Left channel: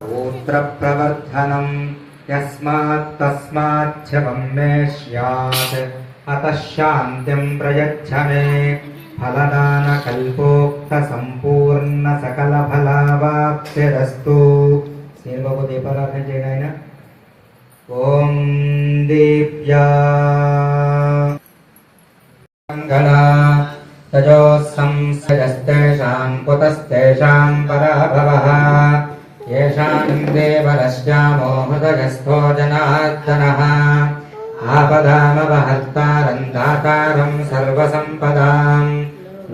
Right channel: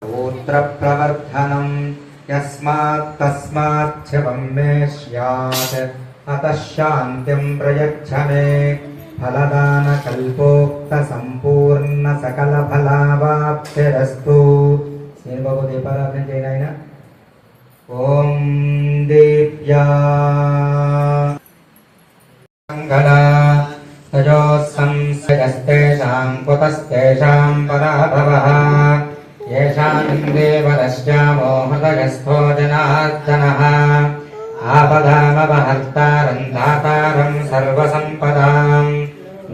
गोत्रप्रवर्धनम् यस्मात् तस्माच्च वन्मे स्यात् अतः शान्तिम् प्रयच्छ मे फलदानकल्पोक्तसम्पूर्णसकलफलावाप्तिरस्तु श्रीबाबू दीपाराधన చేయడానికి ఓం దీప్యా మంగళా తజోస్సంసయస్తేషాం కుతస్తేషాం పరాభవః येषाम् देवरश्यामो हृदयस्थो जनार्दनः आपदामपहर्तारम् दातारम् सर्वसम्पदाम्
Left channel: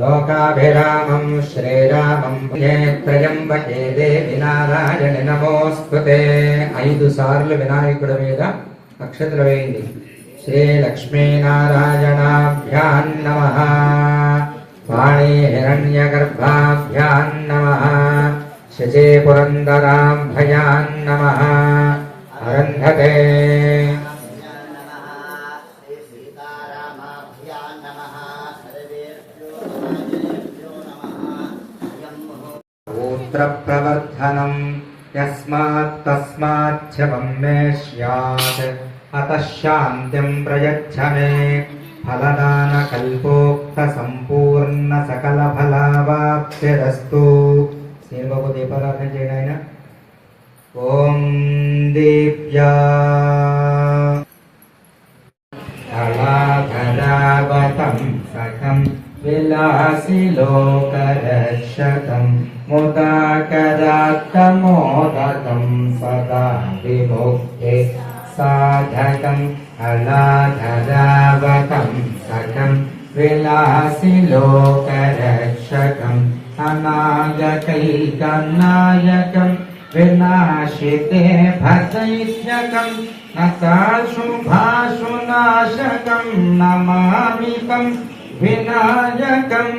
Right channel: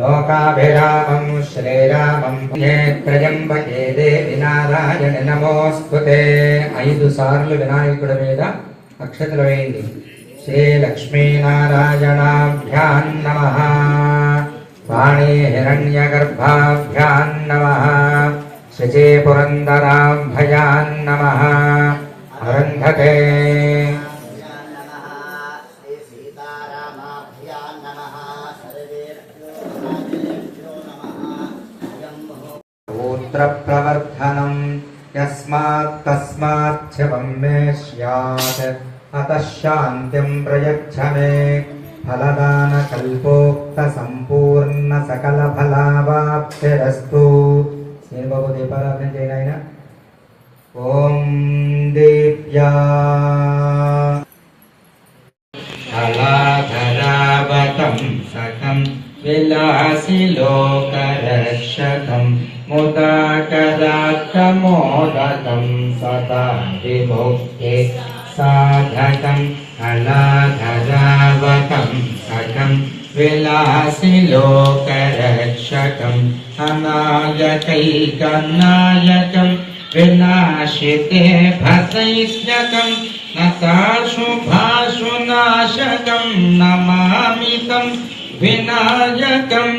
लोकाभिरामम् श्रीरामम् त्रयम्बके देवि नारायणि नमोऽस्तुते 5 సార్లు వినాయకుడి మీద అక్షతలు వేయండి. శ్రీ లక్ష్మీనారాయణాభ్యాం నమః. వాణీ హిరణ్యగర్భాభ్యాం నమః. శచే పురందరాభయాన్ నమః. అరుంధతే గోత్రప్రవర్ధనం యస్మాత్ తస్మాచ్చ వన్మే స్యాత్ అతః శాంతిం ప్రయచ్ఛ మే ఫలదానకల్పోక్తసంపూర్ణసకలఫలావాప్తిరస్తు श्रीबाबू दीपाराधన చేయడానికి ఓం దీప్యా అలాధరావతం సకం విలాసి లోకరక్షకం ముదాకరాత్తమోదకం సదా విముక్తి సాధకం అలాధరావతం సకం విలాసి లోకరక్షకం అనాయకైకనాయకం వినాశితే భసైష్యకం నతాశుభాశునాశకం నమామితం వినాయకం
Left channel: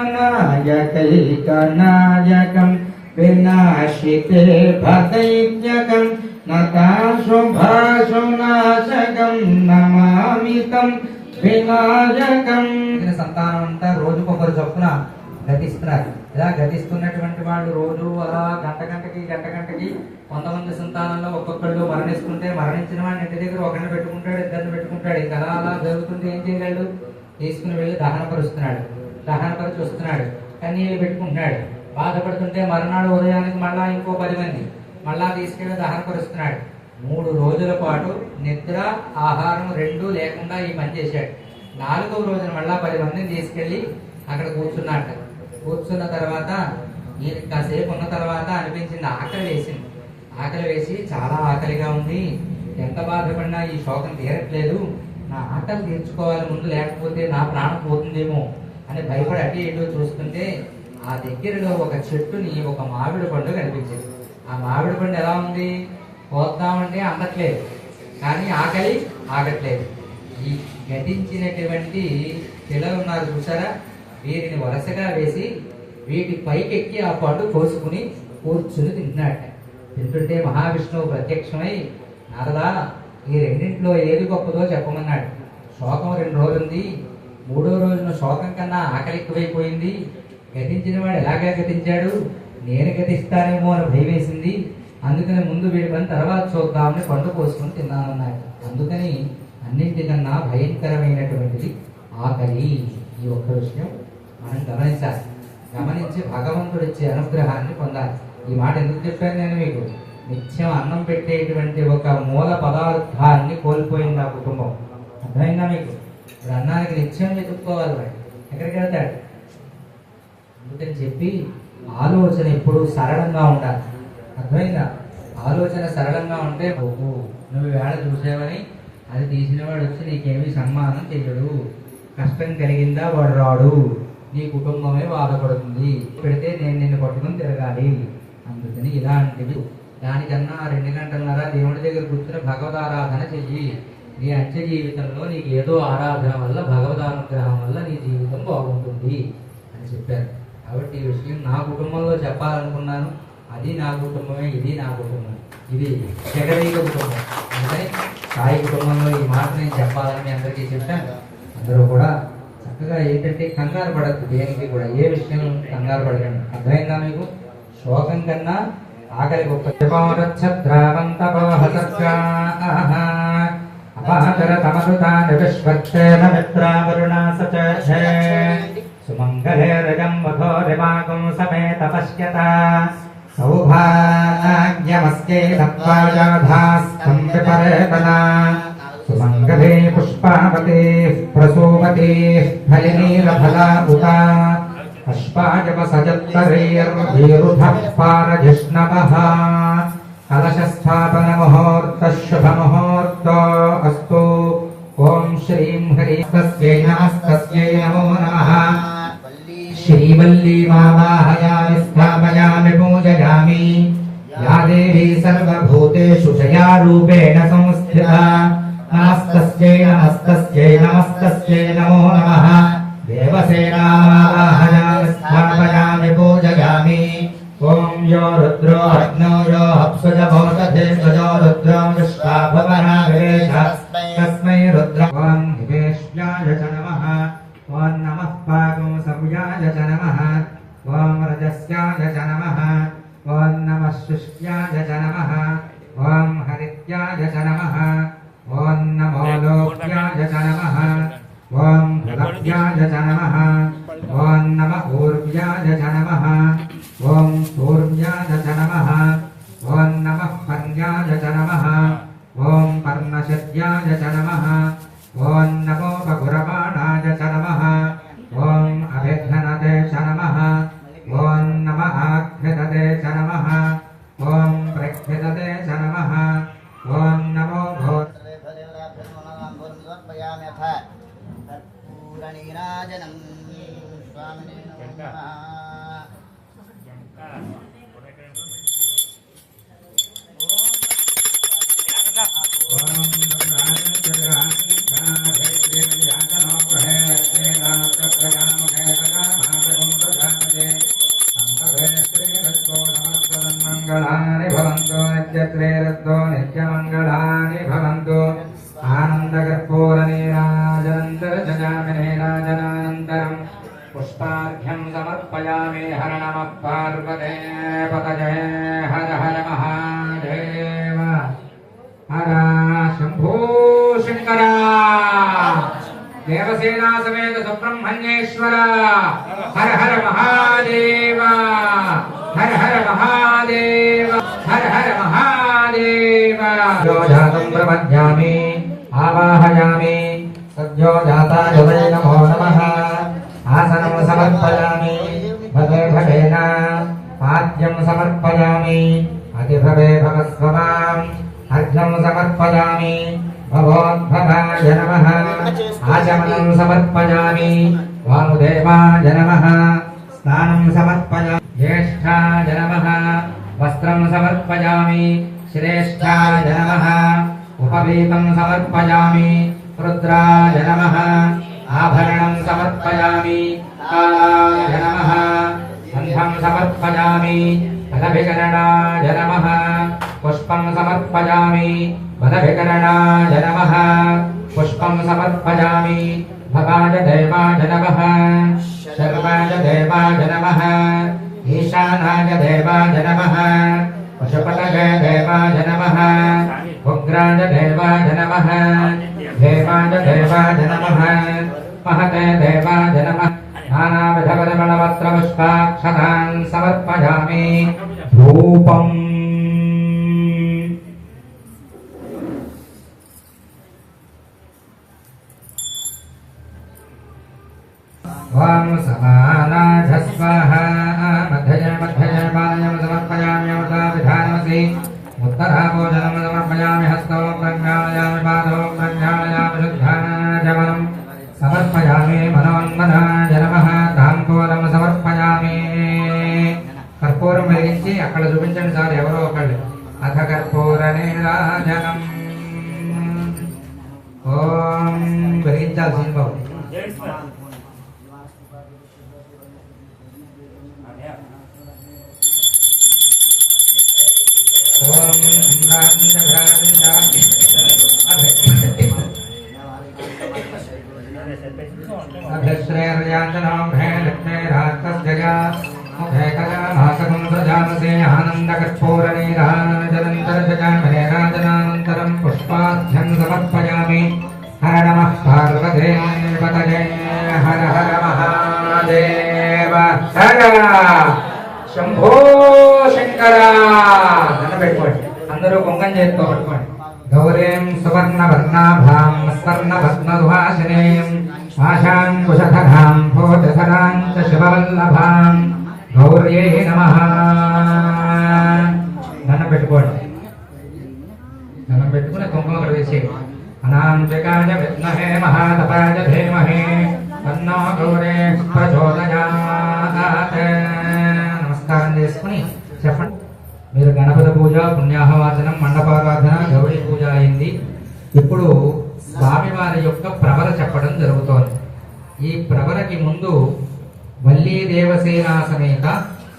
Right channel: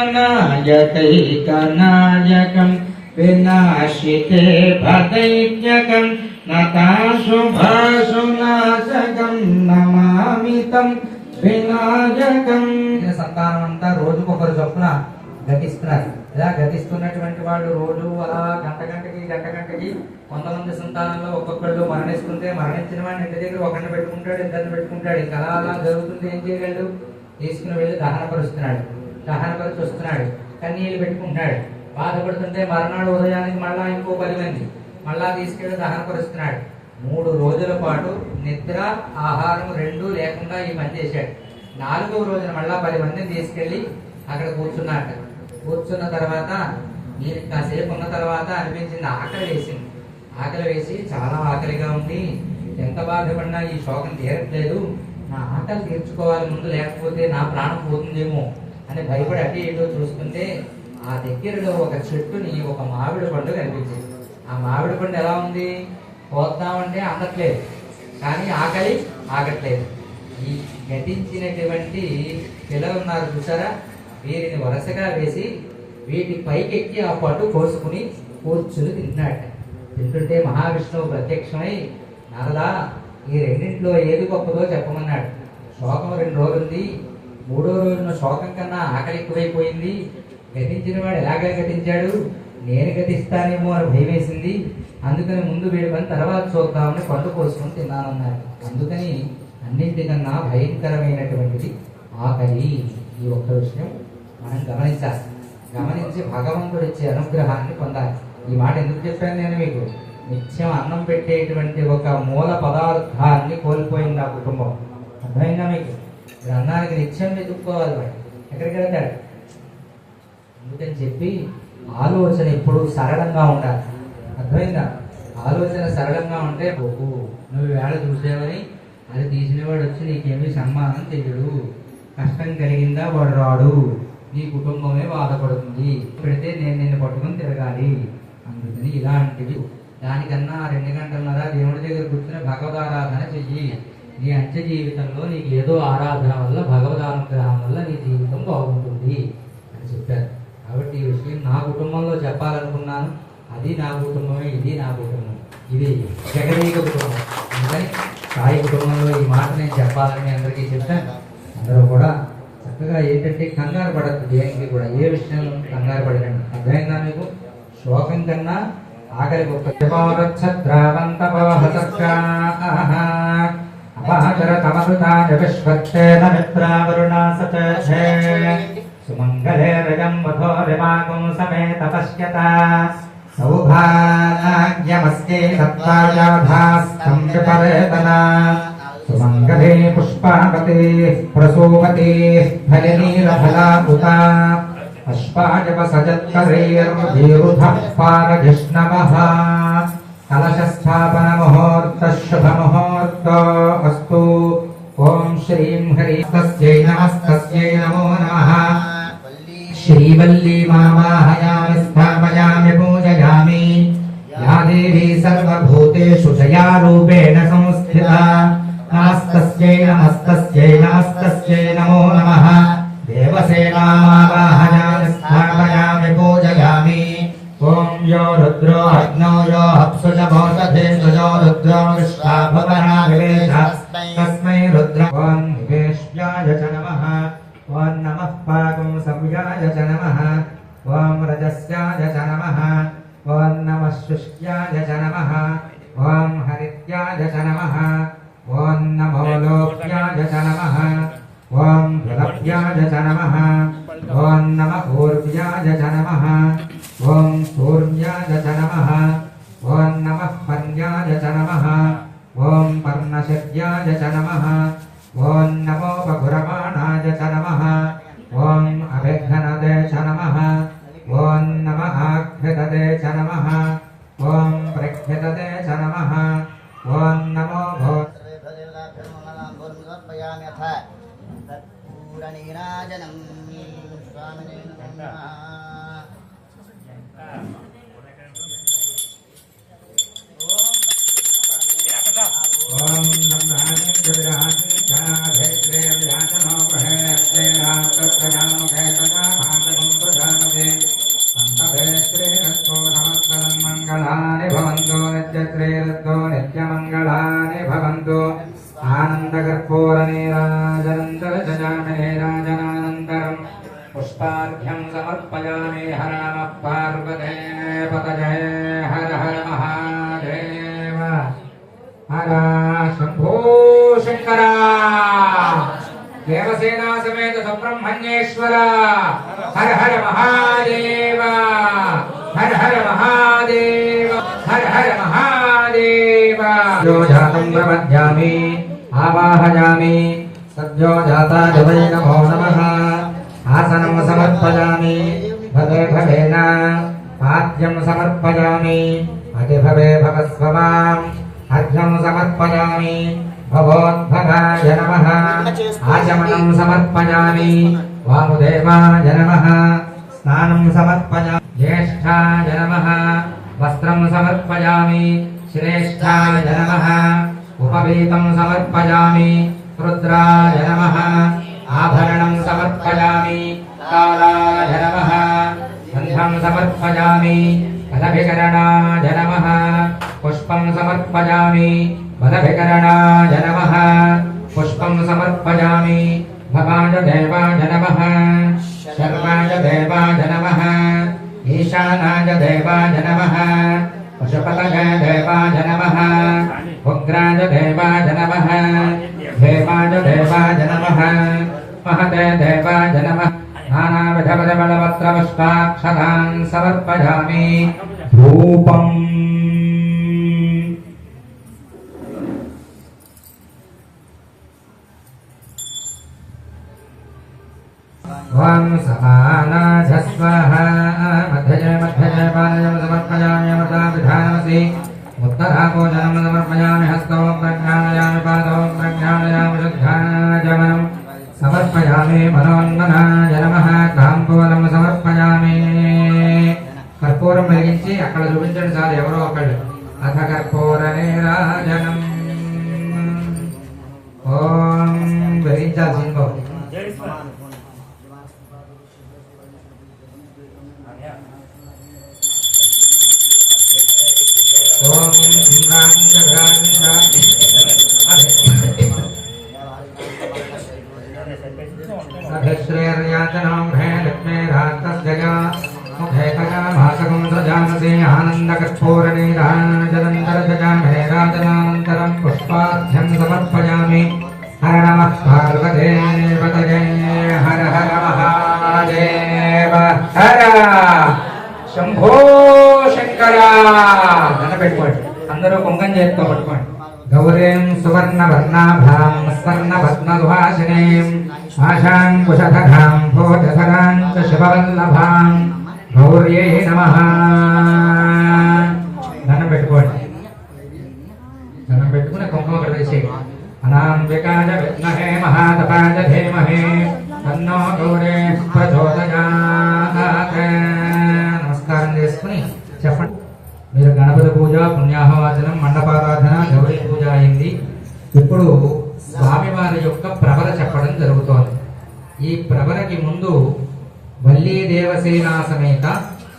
అనాయకైకనాయకం వినాశితే భసైష్యకం నతాశుభాశునాశకం నమామితం వినాయకం. సంతానం అంతా రోజుకొకరు చొప్పున గతిస్తున్నారు. ఇలా గతిస్తున్నటువంటి వాళ్ళు రోజు అలా గంట గంటకి కొంతమంది సంతానంలో ఒక్కొక్కళ్ళు మరణిస్తుంటే మరణించిన వాడిని ఇంటి దగ్గర ఒకరిని పెట్టుకుంటాడు, ఇద్దరిని పెట్టుకుంటాడు. ఇంకా అలా జరుగుతుంది. ఏం చేయగలడు? తీసుకుని వెళ్ళి దహనపరుస్తున్నాడు, దహనపరిచి వస్తున్నాడు, కన్నీళ్ళు పెట్టుకుంటున్నాడు. బాధపడుతుంటే మర్నాడు ఉదయానికి మళ్ళా ఇంకో 10 మంది మళ్ళా తీసుకెళ్ళి దహనపరుస్తున్నాడు. 3 రోజుల పాటు నిద్ర ఆహారం 2 లేకుండా ఈ పని చేశాడు. 4వ రోజున మళ్ళా 10 మందిని తీసుకెళ్లి అక్కడ కూర్చున్నాడు. కూర్చున్న తర్వాత ఈయన కాసేపు ఉన్న తర్వాత అనిపించింది, ఆకలి వేసి చాలా ఆకలిగా ఉంది, ఎంత బాధపడినా ఈ శోకం తీరట్లేదు, నా ఆకలి తీర్చుకోవాలి ముందు, లేకపోతే నా ప్రాణం పోతుందేమో అని భయపడి అటు ఇటు చూస్తుంటే ఆ దగ్గరలో ఒక చెట్టుని ఒక మామిడి పండు కనిపించింది. ఆ మామిడి పండు ఎలా ఉంది? పోద్దామంటే అందట్లేదు, కానీ ఆకలి ఆగట్లేదు. ఈ గతించినటువంటి పిల్లలు ఉన్నారు చూసారా, వీరిని వరుసగా వేసి వీటి పైకెక్కి ఆ పండు కోసుకుని కూర్చుని తింటున్నాడు. తింటుంటే మహావిష్ణువు ప్రత్యక్షమై, నారదా, ఈ రెండింటిలో ఏది గొప్పదో చెప్పమన్నాడు. శోకం 2 రోజులుంది, 3వ రోజున శోకం కన్నా ఆకలి ఎక్కువైపోయింది. గతించిన వాడు ఎలాగా గతించాడు, నేను గతిస్తానేమో అని భయం వేసింది. అందుకని ముందు వీడి పని తర్వాత చూద్దామని పండు కోసుకొని తిన్నామన్నాడు. అందుకని అన్నింటికన్నా భయంకరమైనటువంటిది ఆకలి. ఈ ఒక్క విషయం మనం గమనించాలి. గమనించి భగవంతుడు ఇచ్చే అనుగ్రహాన్ని పొందాలి. ఈ మాట ఎందుకు చెప్పాను నేను మీకు? నిత్యం అన్నం పెట్టేటువంటి ఒక మూల పదార్థాన్ని కోల్పోయింది ఆ కుటుంబం. అర్థమైందా మీకు? ఇప్పుడు అన్నానికి నిత్యం వెతుక్కోవాలి, వాడు ఎక్కడికి వెళ్తాడు? అందుకని చెప్పి ఆలోచన ఎప్పుడు సరళంగా ఉండాలి. అర్థమైందా? ఆలోచన సరళంగా ఉంటే నువ్వు వేళ చూసేవని అది తీసినవాడు వచ్చి నీకేమీ సన్మానం చేయడు. కష్టం కలిగిందా వాడు రాడు, నీ కుటుంబమే బాధపడుతుంది. పెడితే నేను నిన్ను పట్టుకుని తిరగాలి. అందుకని ఇలాంటివి దానికన్నా 2 గంటలన్నర దేవుడి దగ్గర కూర్చుని భగవదారాధన చెయ్యి. నీ అంత్య జీవితంలో నీకు ఏదో ఆరాధన వల్ల, భగవదానుగ్రహం వల్ల నీ జీవితం బాగుంటుంది అని చెప్పారు. కాబట్టి ఈ విషయం నా కుటుంబంలో చెప్పాలనుకున్నాను. అది నా కుటుంబమే, ఇది నా కుటుంబం, ఇది జగదీక కుటుంబం. అందుకని సాయి కుటుంబంలో ఈ మాట నేను చెప్పాలని అందరికీ చెప్పాను. అందరూ కూడా చక్కగా ఏంటంటే కంగారు పడద్దు, దేనికి కూడా ఏ విషయంలో కంగారు పడకండి. అర్థమైందా మీకు? శోకం కన్నా ఆఖరి గొప్ప అపహరతమృతాని విశ్వక్షేమ మిత్రావరుణా సచే సుమంగళే రజం వధోరిమాగం సమేత పశ్యత సౌభాగ్యమస్యై సత్వాయాధాస్తం విపరేతనా సుమంగళే పుష్పావతే ప్రసూపతే ఫలినీలఫలా ఉతా అశ్వాజవ సజత్కరైర్మధీరుధః పారజిష్ణవః కలశస్థాపన ముహూర్త శుభ ముహూర్త అస్తు. ఓం శ్రీం హ్రీం తస్యై నమస్తస్యై నమో నమః. శ్రీవల్లీ మావాహయామి స్థాపయామి పూజయామి. యా దేవీ సర్వభూతేషు జయా రూపేణ సంస్థితా. నమస్తస్యై నమస్తస్యై నమస్తస్యై నమో నమః. దేవసేనామావాహయామి స్థాపయామి పూజయామి. ఓం యో రుద్రో అగ్నో యో అప్సుజమోషధేషజో రుద్రో విశ్వాభవనావేశ తస్మై రుద్ర. ఓం నివేశ్యాయ చ నమః. ఓం నమః పాకం సంయాయ చ నమః. ఓం రజస్యాయ చ నమః. ఓం నమః శుష్యాయ చ నమః. ఓం హరిత్యాయ చ నమః. ఓం నమో లోక్యాయ చ నమః. ఓం లభ్యాయ చ నమః. ఓం నమః ఊర్వ్యాయ చ నమః. ఓం సూర్యాయ చ నమః. ఓం నమః పర్యాయ చ నమః. ఓం పర్ణశద్యాయ చ నమః. ఓం నమో బహురమాణాయ చ నమః. ఓం అభిఘ్నదే చ నమః. ఓం నమః ఆఘ్రితదే చ నమః. ఓం ప్రఘ్రితదే చ నమః. ఓం నమో భో కర్పూరనీరాజనం స్వామినే నమః. మంగళాని భవంతు నిత్యత్రేరద్దో నిత్యమంగళాని భవంతు. ఆనందకర్పూరనీరాజనంతరజామి నీరాజనానంతరం పుష్పార్ఘ్యం సమర్పయామి. హర నమః పార్వతే పతయే హర హర మహాదేవ. హర శంభో శంకర. దేవసేనా సమేత సుబ్రహ్మణ్యేశ్వర. హర హర మహాదేవ. హర హర మహాదేవ. హర హర మహాదేవ. జాతం ప్రపద్యామి ఆవాహయామి. సద్యో జాతాయ వై నమో నమః. ఆసనం సమర్పయామి. భవే భవేన పాద్యం సమర్పయామి. అతిభవే భవస్వమాం. అర్ఘ్యం సమర్పయామి. భవోద్భవాయ నమః. ఆచమనం సమర్పయామి. వాముదేవాయ నమః. స్నానం సమర్పయామి. జ్యేష్ఠాయ నమః. వస్త్రం సమర్పయామి. శ్రేష్ఠాయ నమః. ఉపవీతం సమర్పయామి. రుద్రాయ నమః. ఆభరణం సమర్పయామి. కాలాయ నమః. గంధం సమర్పయామి. బలభికరణాయ నమః. పుష్పం సమర్పయామి. బలభికరణాయ నమః. పుష్పం సమర్పయామి. భవాయ దేవాయ నమః. శర్వాయ దేవాయ నమః. ఈశానాయ దేవాయ నమః. పశుపతయే దేవాయ నమః. ఉగ్రాయ దేవాయ నమః. దేవాయ దేవాయ నమః. మహతే దేవాయ నమః. నానావిధపరిమళపత్రపుష్పాక్షతాన్ సమర్పయామి. ధూపం ఓం సమానాధస్వః. మధ్యజయ మధ్యజయ పానయం సమర్పయామి. అమృతాభిధానమసి. ఉత్తరాభోజనం సమర్పయామి. హస్తో ప్రజ్ఞాళయామి. పాదో ప్రజ్ఞాళయామి. శుద్ధాజమనం సమర్పయామి. మనోన్మనాయ నమః. తాంబూలం సమర్పయామి. కర్పూరం వెలిగించి అక్కడ చూపించండి సార్ ఎవరో ఒకళ్ళు. అథ కర్పూర నీరాజనం. ఓం వెలిగించాల్సి ఉంటుంది. ఓం అభిశ్రేర్యాచనం హే లక్ష్మీ రాస్తస్య मुखेतकामासकं सजामसे आनन्दकर्पूरनीराजनन्तरजजामहेराजनानन्तरं पुष्पार्घ्यं समर्पयामि। हर नमः पार्वतीपतये हर हर महादेव हर शंभो शंकरा పెట్టుకోండి అందరూ కుంకం చేతితో పట్టుకోండి గౌరీం సువర్ణవర్ణాభాం స్వర్ణభస్మదుహాసినీం ఆశాంకుశధరాం భూతధరాం చ శివవల్లభాం గౌర్యై నమః దండం పెట్టుకోండి దండం పెట్టుకుని కుంకుమ ప్రవేశేయండి అనాంజకాయ విద్మహే మహాతపాయ ధీమహి తన్నో గౌరీ ప్రచోదయాత్ నమస్కారం చేసుకుని చెప్పండి మీరు గణపతి పూజ పుణ్యాహవాచనం మండపారాధన గౌరీ పూజ అయింది ఇప్పుడు స్వామివారి యొక్క ప్రవర చెప్పడం జరుగుతోంది ఈ ప్రవరకి ముందు వల్లీ దేవసేనా సమేత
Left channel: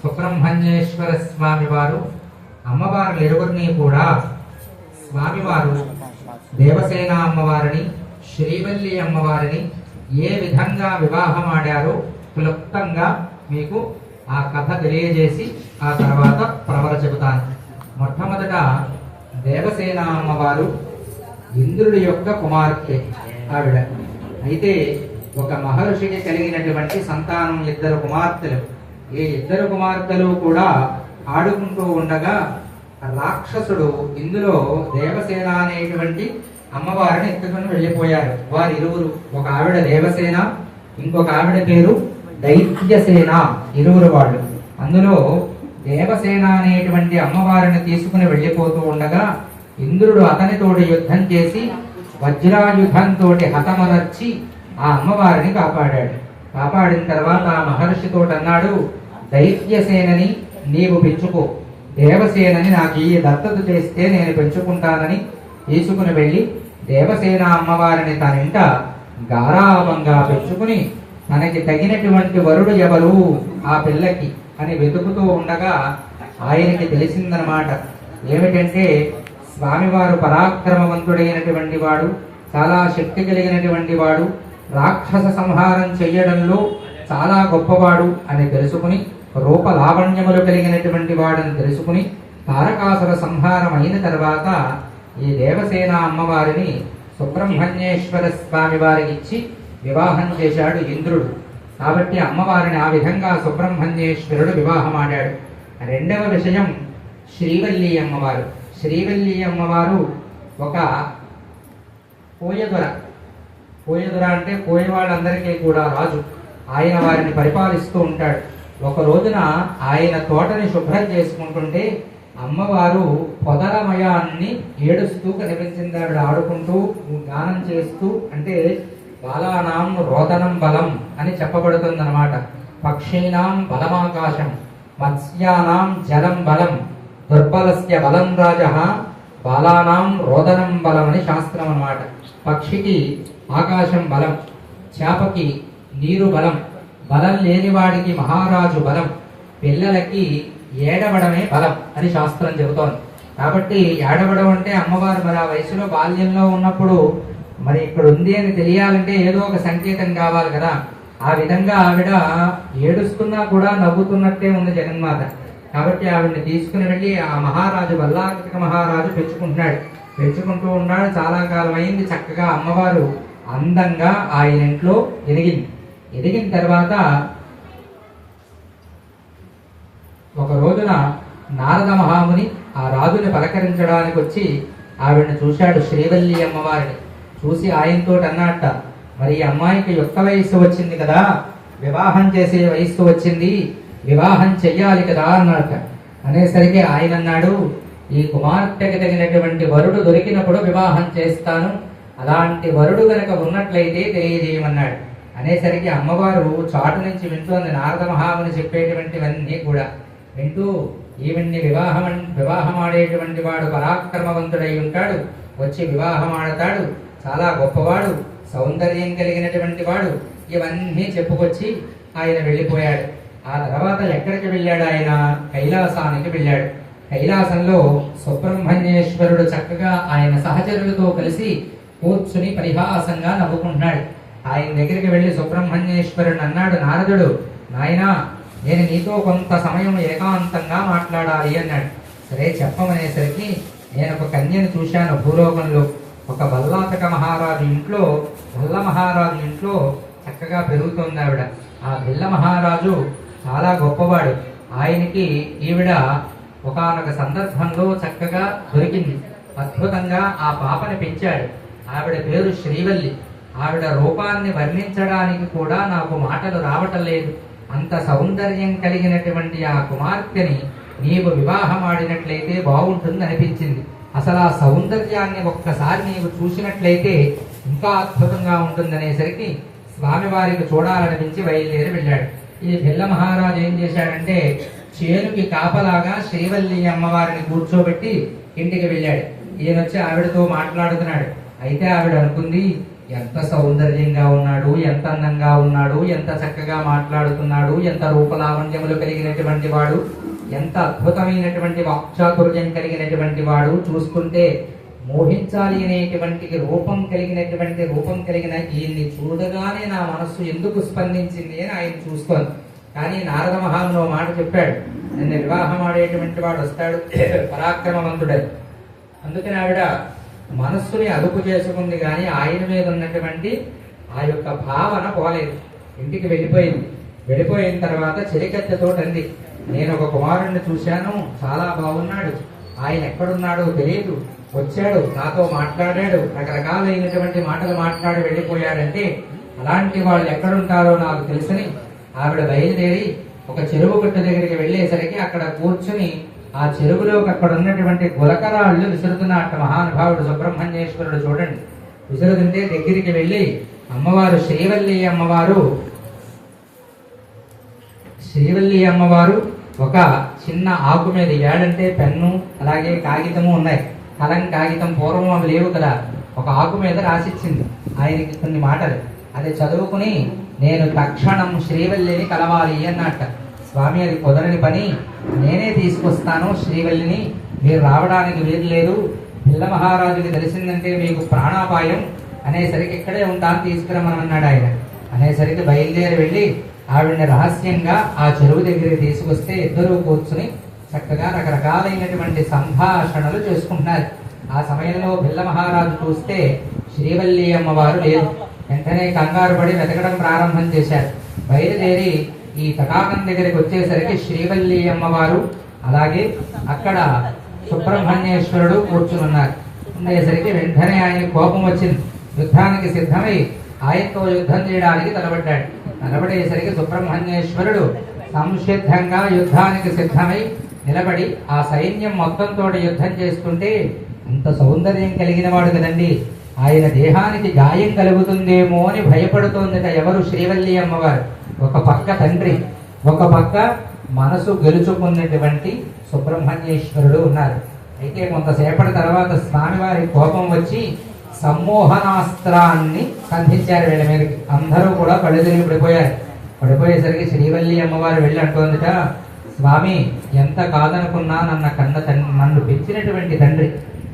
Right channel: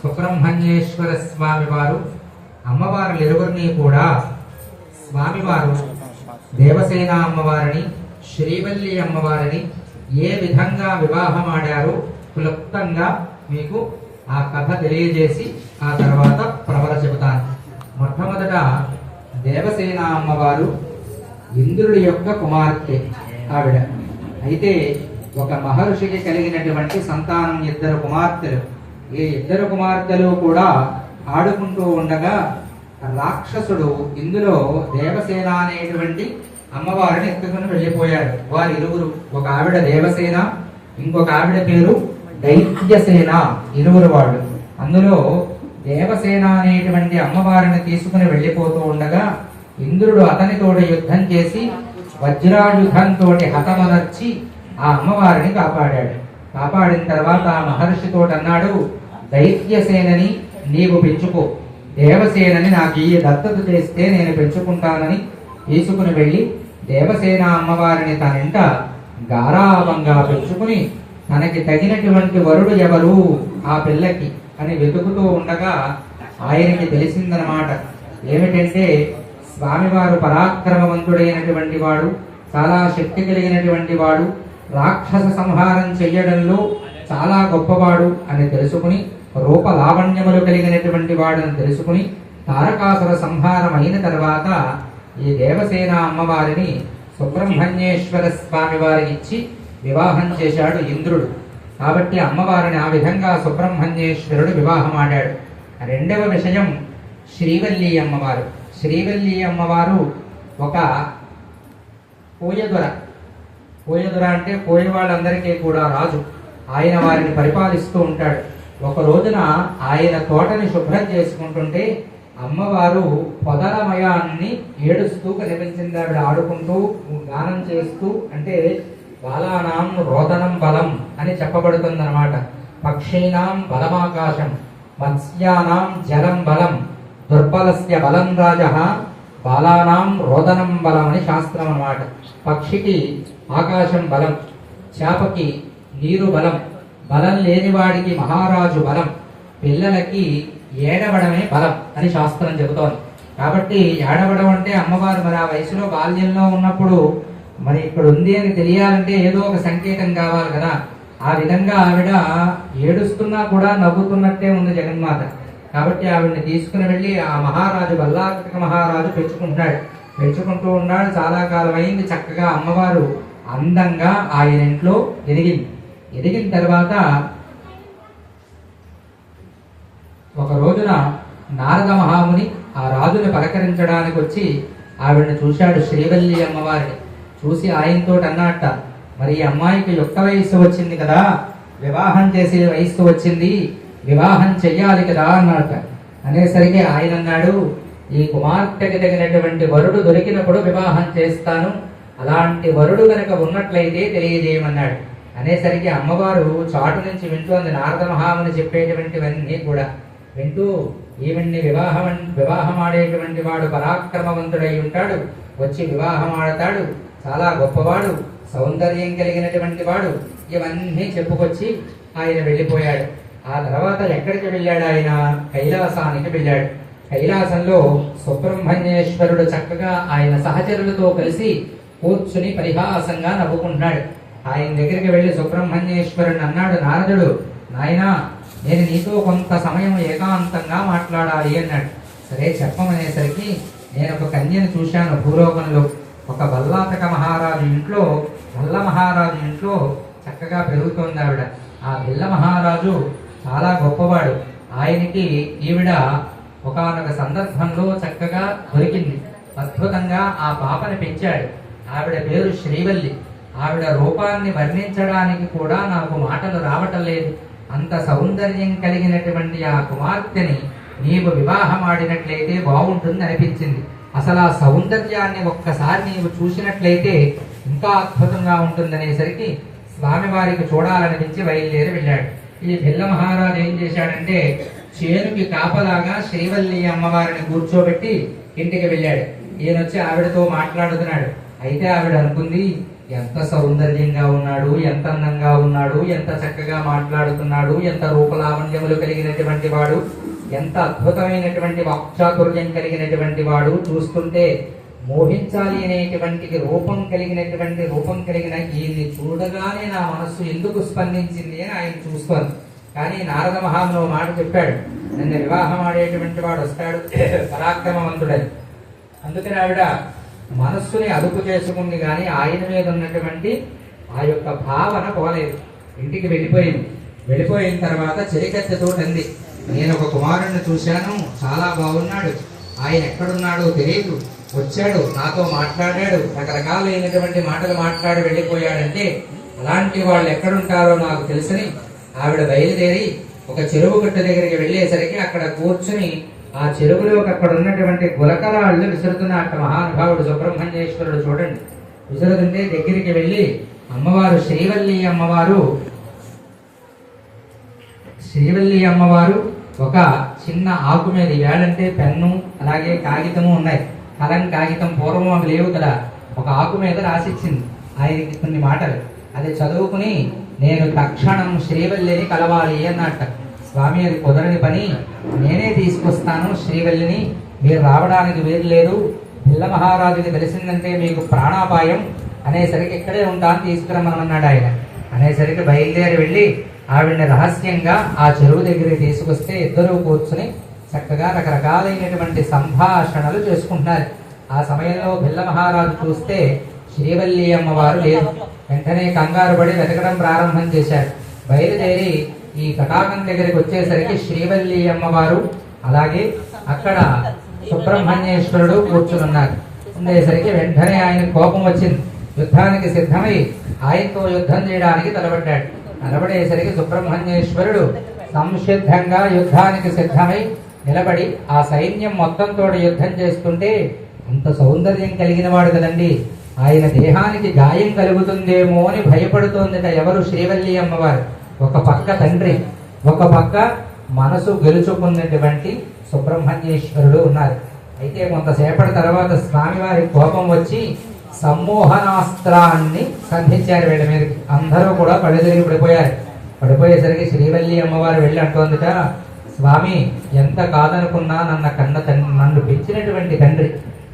సుబ్రహ్మణ్యేశ్వర స్వామి వారు అమ్మవారు ఇరువురిని కూడా స్వామివారు దేవసేన అమ్మవారిని శ్రీవల్లి అమ్మవారిని ఏ విధంగా వివాహమాడారో క్లుప్తంగా మీకు ఆ కథ తెలియజేసి ఆ తర్వాత ప్రవర చెబుతాను. మొట్టమొదట దేవసేన అమ్మవారు ఇంద్రుడి యొక్క కుమార్తె ఆవిడ. అయితే ఒక మహర్షికి కలిగినటువంటి సంతానం ఇద్దరు కుమార్తెలు. ఈ ఇద్దరు కుమార్తెలు కూడా ఆడుకుంటూ ఉండగా రాక్షసుడు ఇందులో దేవసేన అనేటువంటి అమ్మవారిని ఎత్తుకుని వెళ్ళిపోయారు. వారి ఇరువురు, ఒక ఆవిడ దేవసేన, ఇంకొక ఆవిడ పేరు దైత్యసేన, ఇరువురు వాళ్ళు. అందులో దేవసేన అనేటువంటి అమ్మవారిని తీసుకుని వెళ్ళిపోతూ ఉండగా ఇంద్రుడు అతనితోటి యుద్ధం చేసి వజ్రాయుధంతో హతమనర్చి ఆ అమ్మవారిని కాపాడాడు. కాపాడిన తర్వాత ఆ మహర్షితో అన్నాడు, దైత్యసేనని నీవు పెంచుకో, దేవసేనని నాకు ఈ దత్తత చేస్తే నేను పెంచుకుంటానని తీసుకుని వెళ్ళి దేవసేన అమ్మవారిని తనింట గారాబంగా పెంచుకుని తనకి తగినటువంటి వరుడు ఎవరు ఆ పిల్లకి అని వెతుకుతూ ఉండగా ఆయనకి తెలిసిందనమాట. ఏమిటంటే స్వామివారు పరాక్రమవంతుడైనటువంటి వాడు, చాలా శక్తి కలిగినటువంటి వాడు, రాక్షస సంహారం చెయ్యడంలో చాలా గొప్పవాడు అని తెలుసుకుని, రూప లావణ్యములు కలిగినటువంటి వాడని తెలుసుకుని తారకాసుర సంహారం అయిన తర్వాత ఈ దేవసేన అమ్మవారిని సుబ్రహ్మణ్యేశ్వర స్వామి వారికి ఇచ్చి వివాహం చేశాడు ఇంద్రుడు. కాబట్టి అమ్మవారిని ఆ విధంగా సుబ్రహ్మణ్యేశ్వరుడు వివాహం ఆడాడు. రెండవ విషయం శ్రీవల్లి అమ్మవారు. శ్రీవల్లి అమ్మవారు ఒక కోయదొర. కోయదొర అంటే కోయ వాళ్ళందరికీ కూడా రాజు. ఆయన వారిని పరిపాలిస్తూ ఉంటాడు. ఒక రోజున ఆయన తోటని శుభ్రం చేసుకుంటుంటే అమ్మవారు పొదలమయాన్ని ఏడుస్తూ కనిపించింది. ఆవిడ ఆడుకుంటూ గానం చేస్తూ, అంటే బాలానాం రోదనం బలం అని చెప్పబడుతుంది అనమాట. పక్షీనాం బలమాకాశం, మత్స్యానాం జలం బలం, దుర్బలస్య బలం రాజ, బాలానాం రోదనం బలం అని శాస్త్రం అన్నమాట. పక్షికి ఆకాశం బలం, చేపకి నీరు బలం, బలం లేనివాడికి మహారాజు బలం, పిల్లలకి ఏడవడమే బలం అని శాస్త్రం చెబుతోంది. కాబట్టి ఏడవడం అంటే అమ్మవారు మరి ఆ వయసులో బాల్యంలో ఉన్నప్పుడు మరి ఇక్కడ ఉంది అని తెలియాలంటే ఏదో ఒక సంకేతం కావాలి కదా. ఆ విధంగా ఆవిడ ఏడుస్తున్నా కూడా నవ్వుతున్నట్టే ఉంది జగన్మాత. కాబట్టి ఆవిడని తీసుకుని వెళ్ళి ఆ మహారాజు బల్లాకృతిక మహారాజు పెంచుకుంటూ ఉన్నాడు. చాలా కాలం అయింది. చక్కగా అమ్మవారు అందంగా ఆయన ఇంట్లో ఎదిగిన తర్వాత ఒక రోజున నారద మహాముని ఆ రాజుని పలకరించడానికి వచ్చి ఆవిడని చూశాడు. శ్రీవల్లి అమ్మవారిని చూసి ఆయనతో అన్నట్ట, మరి ఈ అమ్మాయికి యుక్త వయస్సు వచ్చింది కదా, వివాహం చేసే వయస్సు వచ్చింది, వివాహం చెయ్యాలి కదా అన్నట్ట. అనేసరికి ఆయన అన్నాడు, ఈ కుమార్తెకి తగినటువంటి వరుడు దొరికినప్పుడు వివాహం చేస్తాను, అలాంటి వరుడు కనుక ఉన్నట్లయితే తెలియజేయమన్నాడు. అనేసరికి అమ్మవారు చాటు నుంచి వింటోంది. నారద మహాముని చెప్పేటువంటివన్నీ కూడా వింటూ, ఈవెన్ని వివాహం ఆడేటువంటి వాడు పరాక్రమవంతుడై ఉంటాడు, వచ్చి వివాహం ఆడతాడు, చాలా గొప్పవాడు, సౌందర్యం కలిగినటువంటి వాడు, ఇవన్నీ చెప్పుకొచ్చి ఆయన వెళ్ళిపోయాడు. ఆ తర్వాత ఎక్కడికి వెళ్ళాడు? ఆయన కైలాసానికి వెళ్ళాడు. కైలాసంలో సుబ్రహ్మణ్యేశ్వరుడు చక్కగా ఆయన సహచరులతో కలిసి కూర్చుని పరిహాసంగా నవ్వుకుంటున్నాడు. ఆయన దగ్గరికి వెళ్లి సుబ్రహ్మణ్యేశ్వరుడు అన్నాడు, నారదుడు, నాయనా నేను నీతో కొంత సమయం ఏకాంతంగా మాట్లాడాలి అన్నాడు. సరే చెప్పమనేసరికి నేను ఒక కన్యను చూశాను భూలోకంలో. ఒక వల్లాతక మహారాజు ఇంట్లో, వల్ల మహారాజు ఇంట్లో చక్కగా పెరుగుతోంది ఆవిడ. ఆ బిల్ల మహారాజు చాలా గొప్పవాడు. ఆయనకి ఈవిడ ఒకానొక సందర్భంలో చక్కగా దొరికింది. అద్భుతంగా ఆ పాపని పెంచాడు. ఆవిడ పేరు శ్రీవల్లి. ఆవిడ రూపాన్ని వర్ణించడానికి కూడా నాకు మాటలు రావటం లేదు. అంత సౌందర్యం కలిగినటువంటి ఆ కుమార్తెని నీవు వివాహం ఆడినట్లయితే బాగుంటుంది అనిపించింది. అసలు ఆ సౌందర్యాన్ని ఒక్కసారి నీవు చూసినట్లయితే ఇంకా అద్భుతంగా ఉంటుందనేసరికి స్వామివారికి చూడాలనిపించి బయలుదేరి వెళ్ళాడు. ఈ బిల్ల మహారాజు ఏం చేశాడంటే చేనుకి కాపలాగా శ్రీవల్లి అమ్మవారిని కూర్చోబెట్టి ఇంటికి వెళ్ళాడు. ఈయనొచ్చి ఆవిడతో మాట్లాడుతున్నాడు. అయితే ఆవిడ అనుకుంది, ఎంత సౌందర్యంగా ఉన్నాడు, ఎంత అందంగా ఉన్నాడు, ఎంత చక్కగా మాట్లాడుతున్నాడు, ఎంత రూపలావణ్యములు కలిగినటువంటి వాడు, ఎంత అద్భుతమైనటువంటి వాక్చాతుర్యం కలిగినటువంటి వాడు, చూస్తుంటే మోహించాలి అనేటువంటి రూపం కలిగిన ఈయన్ని చూడగానే నా మనస్సు ఎందుకు స్పందించింది అని ఆయన చూస్తోంది. కానీ నారద మహాముని మాట చెప్పాడు, నన్ను వివాహం ఆడేటువంటి వాడు వస్తాడు పరాక్రమవంతుడని. అందుకని ఆవిడ మనస్సుని అదుపు చేసుకుంది, కానీ ఆయన మీద ఉన్నటువంటి ఆ యొక్క భావన పోలేదు. ఇంటికి వెళ్ళిపోయింది. వెళ్ళిపోయిన తర్వాత చెలికత్తెతో అంది, నేను ఒక కుమారుణ్ణి చూశాను, చాలా బాగున్నాడు, ఆయన ఎక్కడున్నాడో తెలియదు, వచ్చాడు నాతో మాట్లాడాడు, రకరకాలైనటువంటి మాటలు మాట్లాడి వెళ్ళిపోయాడంటే అలాంటి వాళ్ళు ఎక్కడుంటారో నాకు తెలుసని ఆవిడ బయలుదేరి ఒక చెరువు గుట్ట దగ్గరికి వెళ్ళేసరికి అక్కడ కూర్చుని ఆ చెరువులోకి అక్కడ ఉన్నటువంటి గులకరాళ్ళు విసురుతున్నట్టు మహానుభావుడు సుబ్రహ్మణ్యేశ్వరుడు చూడండి. విసురుతుంటే దగ్గరికి వెళ్ళి అమ్మవారు శ్రీవల్లి అమ్మవారు ఒక చిన్న ఆకు మీద వేళంటే పెన్ను అలాగే కాగితము ఉన్నాయి. కలం కాగితం పూర్వం అవి లేవు కదా. ఒక ఆకు మీద రాసిచ్చింది ఆయనకి కొన్ని మాటలు. అది చదువుకుని నేను తక్షణం శ్రీవల్లిని కలవాలి అన్నట్ట. స్వామి అది కుదరని పని, నేనే తీసుకొస్తాను శ్రీవల్లిని, మీరు రావడానికి వీలు లేదు, పిల్ల మహారాజుకి తెలిసిందంటే మీకు ప్రాణాపాయం అనేసరికి ఇక్కడే ఉంటాను తీసుకురమ్మన్నాడు ఆయన. అనేసరికి బయలుదేరి వెళ్ళి ఆవిడని రహస్యంగా ఆ చెరువు దగ్గరికి తీసుకొస్తే ఇద్దరూ కూర్చుని చక్కగా రకరకాలైనటువంటి సంభాషణలు చేసుకుంటున్నారు. ఆ సమయంలో పిల్ల మహారాజు చూస్తే శ్రీవల్లి అమ్మవారు లేదు. వెంటనే కంగారు పడి వెతకడం ప్రారంభం చేశారు. బయలుదేరి ఈ తటాకం దగ్గరికి వచ్చేసరికి శ్రీవల్లి అమ్మవారు అలాగే అక్కడ సుబ్రహ్మణ్యేశ్వరుడు కూర్చున్నారు. ఉండేసరికి వెంటనే ఆయన కోపం వచ్చింది. యుద్ధానికి సిద్ధమై ఆయనతో యుద్ధం చేయడానికి తలబడ్డాడు. తలబడేసరికి సుబ్రహ్మణ్యేశ్వరుడు సంసిద్ధంగా యుద్ధానికి సిద్ధమై నిలబడి ఆ సైన్యం మొత్తంతో యుద్ధం చేస్తుంటే అంత సౌందర్యం కలిగిన వాడు కదండి, ఆయన దేహానికి గాయం కలుగుతుందేమో అని భయపడుతోందిట ఎవరు? శ్రీవల్లి అమ్మవారు. ఒక పక్క తండ్రి, ఒక పక్క మనసు గెలుచుకున్నటువంటి సుబ్రహ్మణ్యేశ్వరుడు ఉన్నారు. అయితే కొంతసేపటి తర్వాత స్వామివారి కోపం వచ్చి సమ్మోహనాస్త్రాన్ని సంధించారు వీళ్ళ మీదకి. అందరూ కూడా కళ్ళు తిరిగి పడిపోయారు. పడిపోయేసరికి శ్రీవల్లి అమ్మవారు వెళ్ళి అంటోందిట, స్వామి ఎంత కాదనుకున్నా నన్ను పెంచినటువంటి తండ్రి,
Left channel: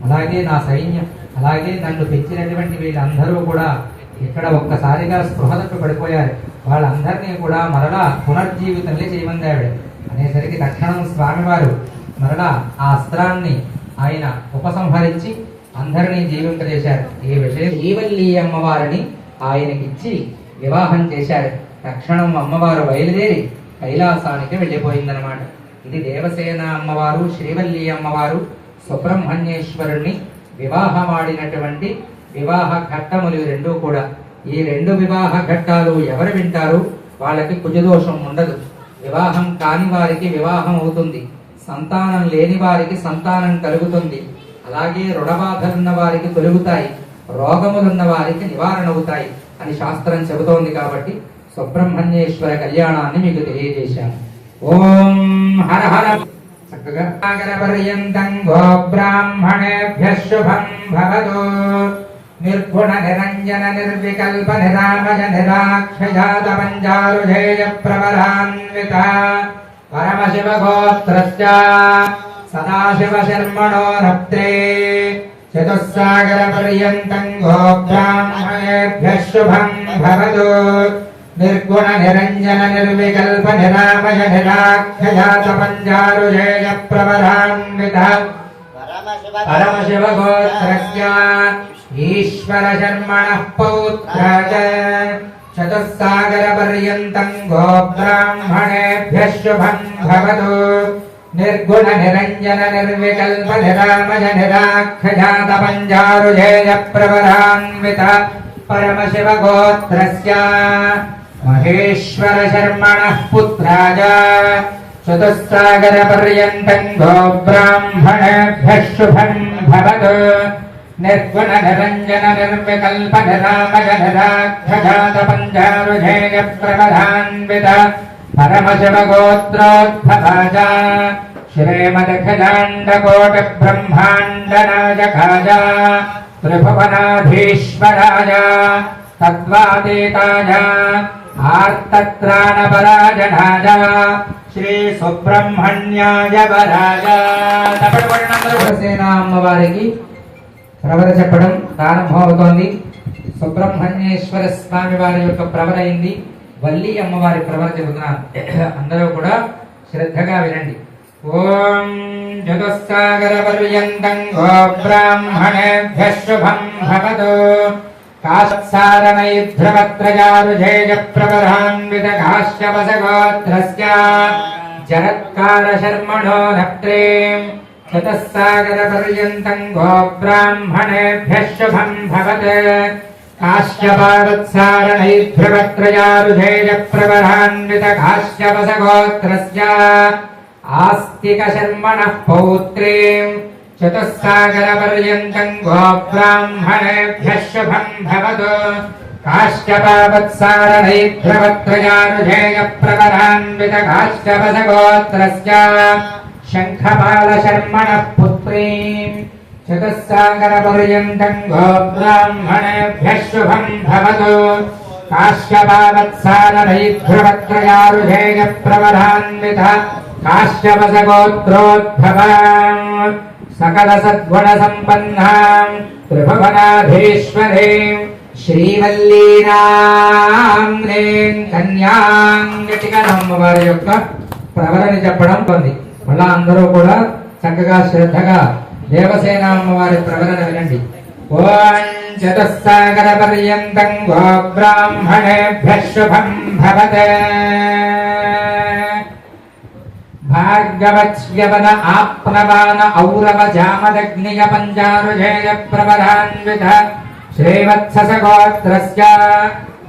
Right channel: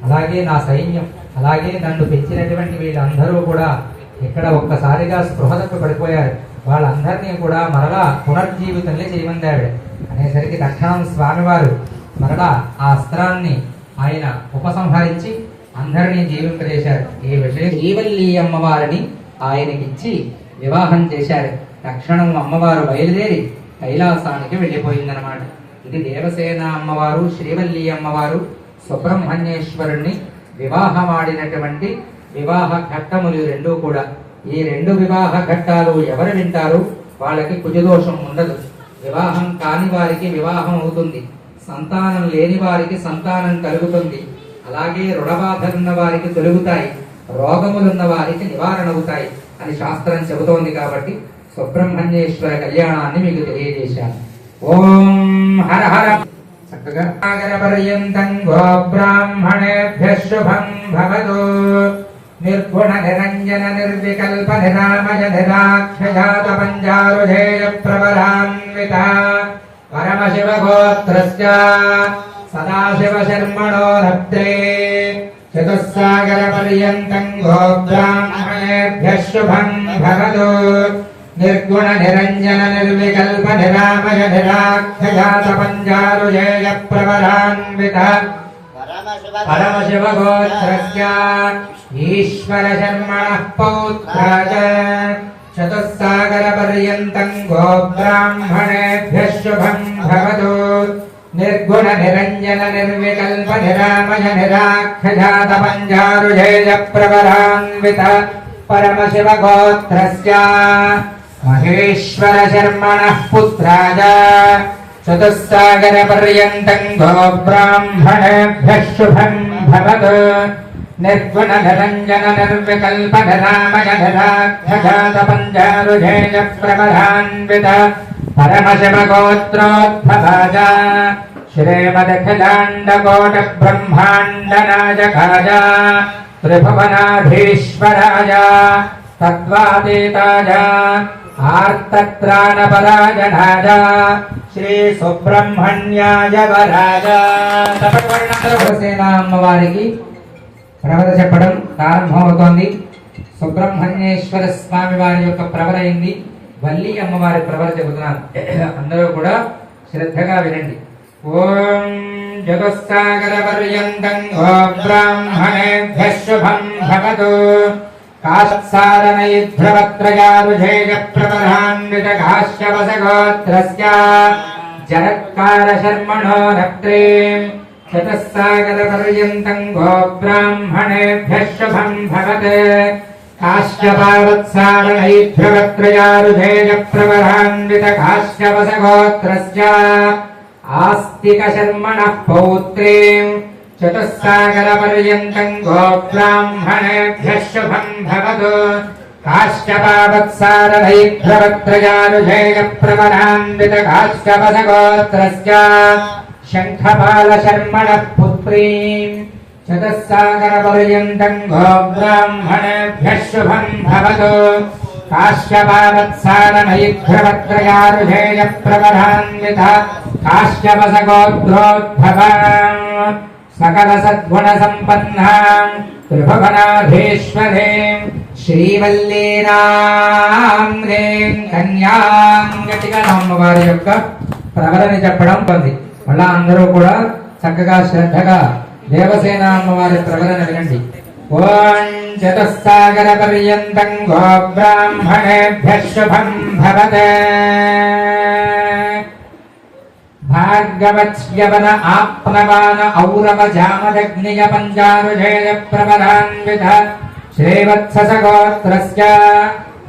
అలాగే నా సైన్యం, అలాగే నన్ను పెంచినటువంటి వీళ్ళందరూ కూడా ఇక్కడ ఒక్కసారిగా స్పృహలకు పడిపోయారు. వాళ్ళందరినీ కూడా మరలా పునర్జీవితంలో చేయమందాడు. అనేసరికి తక్షణం స్వామివారు మరలా ఆ అస్త్రాన్ని ఆయన ఉపసంహరించి అందరినీ జీవింపజేశారు. ఈ విషయం శ్రీవల్లి అమ్మవారిని ఆయనకిచ్చి వివాహం చేశాడు. తక్షణం అమ్మవారు బయలుదేరి కైలాసానికి వెళ్ళిపోయిందనమాట. ఇది దేవసేన అమ్మవారు, శ్రీవల్లి అమ్మవారు సుబ్రహ్మణ్యేశ్వరుణ్ణి వివాహమాడినటువంటి వివాహ ఘట్టములు రెండూ కూడా. ఈ రెండు వివాహ ఘట్టాలు ఎవరు వింటారు? వాళ్ళకి కుజదోషం ఉండదు. వివాహం కాని వారికి వివాహం అవుతుంది, సంతానం లేని వారికి సంతానం కలుగుతుంది, అలాగే రుణబాధలున్న వారికి తొలుగుతాయి, రోగములున్న వారికి నివారణ అవుతాయి అని శాస్త్రం చెబుతోంది. కాబట్టి సుబ్రహ్మణ్యేశ్వర కళ్యాణాన్ని మీకు తెలియజేశాను. ఓం హర హర. చక్కగా పర్యంతం గోబ్రాహ్మణేభ్యః శుభం భవతు. నిర్గుణ నిరంజన నిర్వికల్ప నిరామయ నిరాక్షజాత పంచారుజేయ ప్రవరాన్విత పరమశివ గోత్రస్య సదాశివ శర్మణో రప్త్రే చతుస్సాగర పర్యంతం గోబ్రాహ్మణేభ్యః శుభం భవతు. నిర్గుణ నిరంజన నిర్వికల్ప నిరామయ నిరాఖ్యాత పంచారుజేయ ప్రవరాన్విత పరమశివ గోత్రస్య ఈశ్వర శర్మణః పౌత్రాయ చతుస్సాగర పర్యంతం గోబ్రాహ్మణేభ్యః శుభం భవతు నిర్గుణ నిరంజన నిర్వికల్ప నిరామయ నిరాఖ్యాత పంచారుజేయ ప్రవరాన్విత పరమశివ గోత్రస్య మహేశ్వర శర్మణః పుత్రాయ చతుస్సాగర పర్యంతం గోబ్రాహ్మణేభ్యః శుభం భవతు నిర్గుణ నిరంజన నిర్వికల్ప నిరామయ నిరాఖ్యాత పంచారుజేయ ప్రవరాన్విత పరమశివ గోత్రోద్భవాయ శ్రీమదఖిలాండకోటి బ్రహ్మాండ నాయకాయ త్రిభువనాధీశ్వరాయ తద్వాతీతాయ ఆర్తత్రాణపరాయణాయ శ్రీ సుబ్రహ్మణ్యాయ వరాయ దేవసేన అమ్మవారికి ప్రవర చెప్పడం ప్రారంభమవుతోంది. సుబ్రహ్మణ్యేశ్వర స్వామి వారి యొక్క ప్రవర అయింది. వల్లి అమ్మవారి ప్రవర చెబుతున్నారు. అందరూ కూడా శ్రద్ధగా వినండి. ఓం జగస్సాగర పర్యంతం గోబ్రాహ్మణేభ్యః శుభం భవతు కాశసారణైధ్రవత్రయారుజేయ ప్రవరాన్విత కాశ్యపస గోత్రస్య జరత్కార శర్మణో నప్త్రేం చతుస్సాగర పర్యంతం గోబ్రాహ్మణేభ్యః శుభం భవతు కాశ్యపావత్సారణైధ్రవత్రయారుజేయ ప్రవరాన్విత కాశ్యపస గోత్రస్య ఆస్తిక శర్మణః పౌత్రీం చతుస్సాగర పర్యంతం గోబ్రాహ్మణేభ్యః శుభం భవతు కాశ్యపావత్సారణైధ్రవత్రయారుజేయ ప్రవరాన్విత కాశ్యపస గోత్రస్య శంఖపాల శర్మణః పుత్రీం చతుస్సాగర పర్యంతం గోబ్రాహ్మణేభ్యః శుభం భవతు కాశ్యపావత్సారణైధ్రవత్రయారుజేయ ప్రవరాన్విత కాశ్యపస గోత్రోద్భవాం సకల సద్గుణ సంపన్నాం త్రిభువనాధీశ్వరీం శ్రీవల్లీనాంగ్రీం కన్యాం గట్టిగా అమ్మవారి యొక్క ప్రవరని చెప్పడం పొంది. మళ్ళా అందరూ కూడా చక్కగా శ్రద్ధగా దేవసేన అమ్మవారి ప్రవరణ వినండి. ఓం చతుస్సాగర పర్యంతం గోబ్రాహ్మణేభ్యః శుభం భవతు భార్గవచ్యవన ఆప్నవాన ఔరవ జామదగ్నియ పంచారుజేయ ప్రవరాన్విత శ్రీవత్సస గోత్రస్య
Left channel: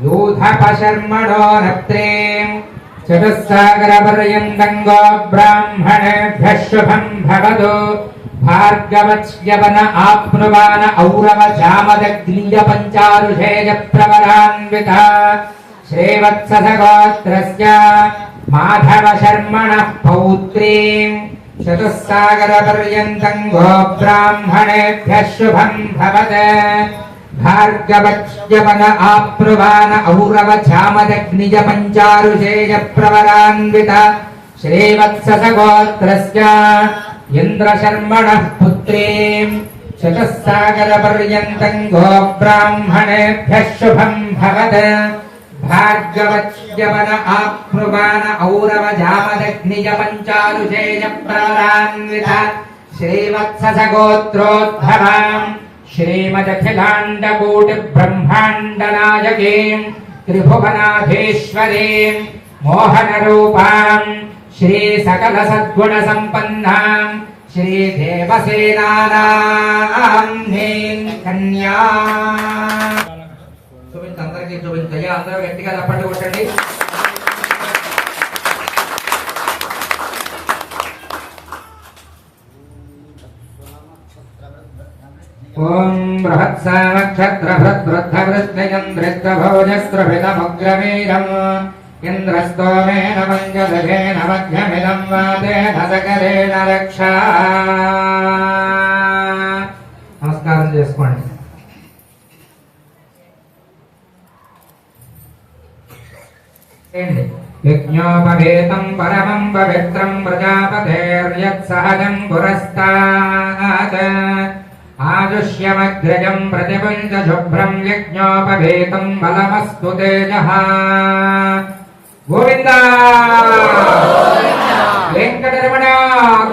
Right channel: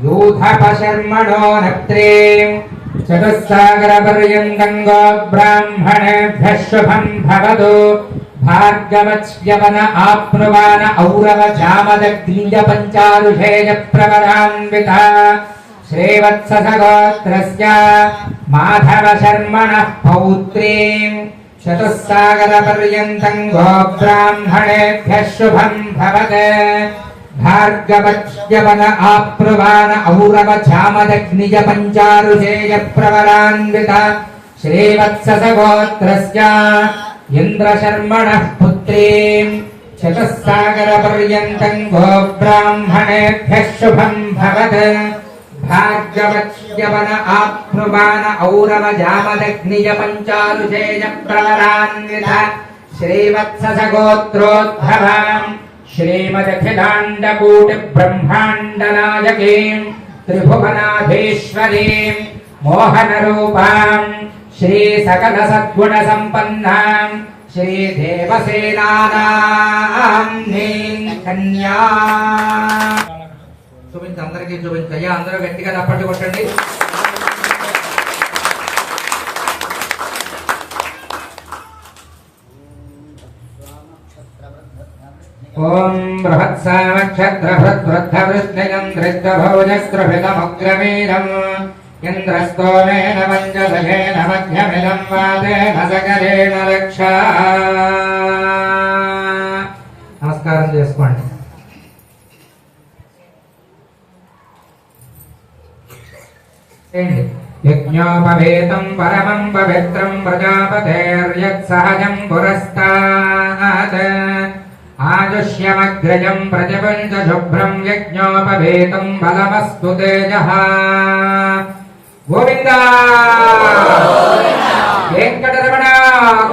యూధప శర్మణో నప్త్రీం చతుస్సాగర పర్యంతం గోబ్రాహ్మణేభ్యః శుభం భవతు భార్గవచ్యవన ఆప్నువాన ఔరవ జామదగ్నియ పంచారుజేయ ప్రవరాన్విత శ్రీవత్సస గోత్రస్య మాధవ శర్మణః పౌత్రీం చతుస్సాగర పర్యంతం గోబ్రాహ్మణేభ్యః శుభం భవతు భార్గవచ్యవన ఆప్నువాన ఔరవ జామదగ్నియ పంచారుజేయ ప్రవరాన్విత శ్రీవత్సస గోత్రస్య ఇంద్రశర్మణః పుత్రీం చతుస్సాగర పర్యంతం గోబ్రాహ్మణేభ్యః శుభం భవతు భార్గవచ్యవన ఆప్నువాన ఔరవ జామదగ్నియ పంచారుజేయ ప్రవరాన్విత శ్రీవత్సస గోత్రోద్భవాం శ్రీమదఖిలాండకోటి బ్రహ్మాండ నాయకీం త్రిభువనాధీశ్వరీం మోహన రూపాం శ్రీ సకల సద్గుణ సంపన్నాం శ్రీ దేవసేనానాం కన్యా. చూపించి అందరికీ చూపించయ్యా. అందరూ గట్టిగా రప్పట్లు కొట్టండి. ఓం బృహత్సామక్షత్రభృద్వృద్ధవృద్ధిగం ధృష్టభోజస్త్రభితముగ్రవీరం ఇంద్రస్తోమేన పంచదశేన మధ్యమిదం వాతేన సకరేణ రక్షా. నమస్కారం చేసుకోండి. యజ్ఞోపవేతం పరమం పవిత్రం ప్రజాపతేర్యత్ సహజం పురస్తాత్ ఆజుష్యమగ్రజం ప్రతిపంచ శుభ్రం యజ్ఞోపవేతం బలమస్తు తేజః. గోవింద వెంకటరమణ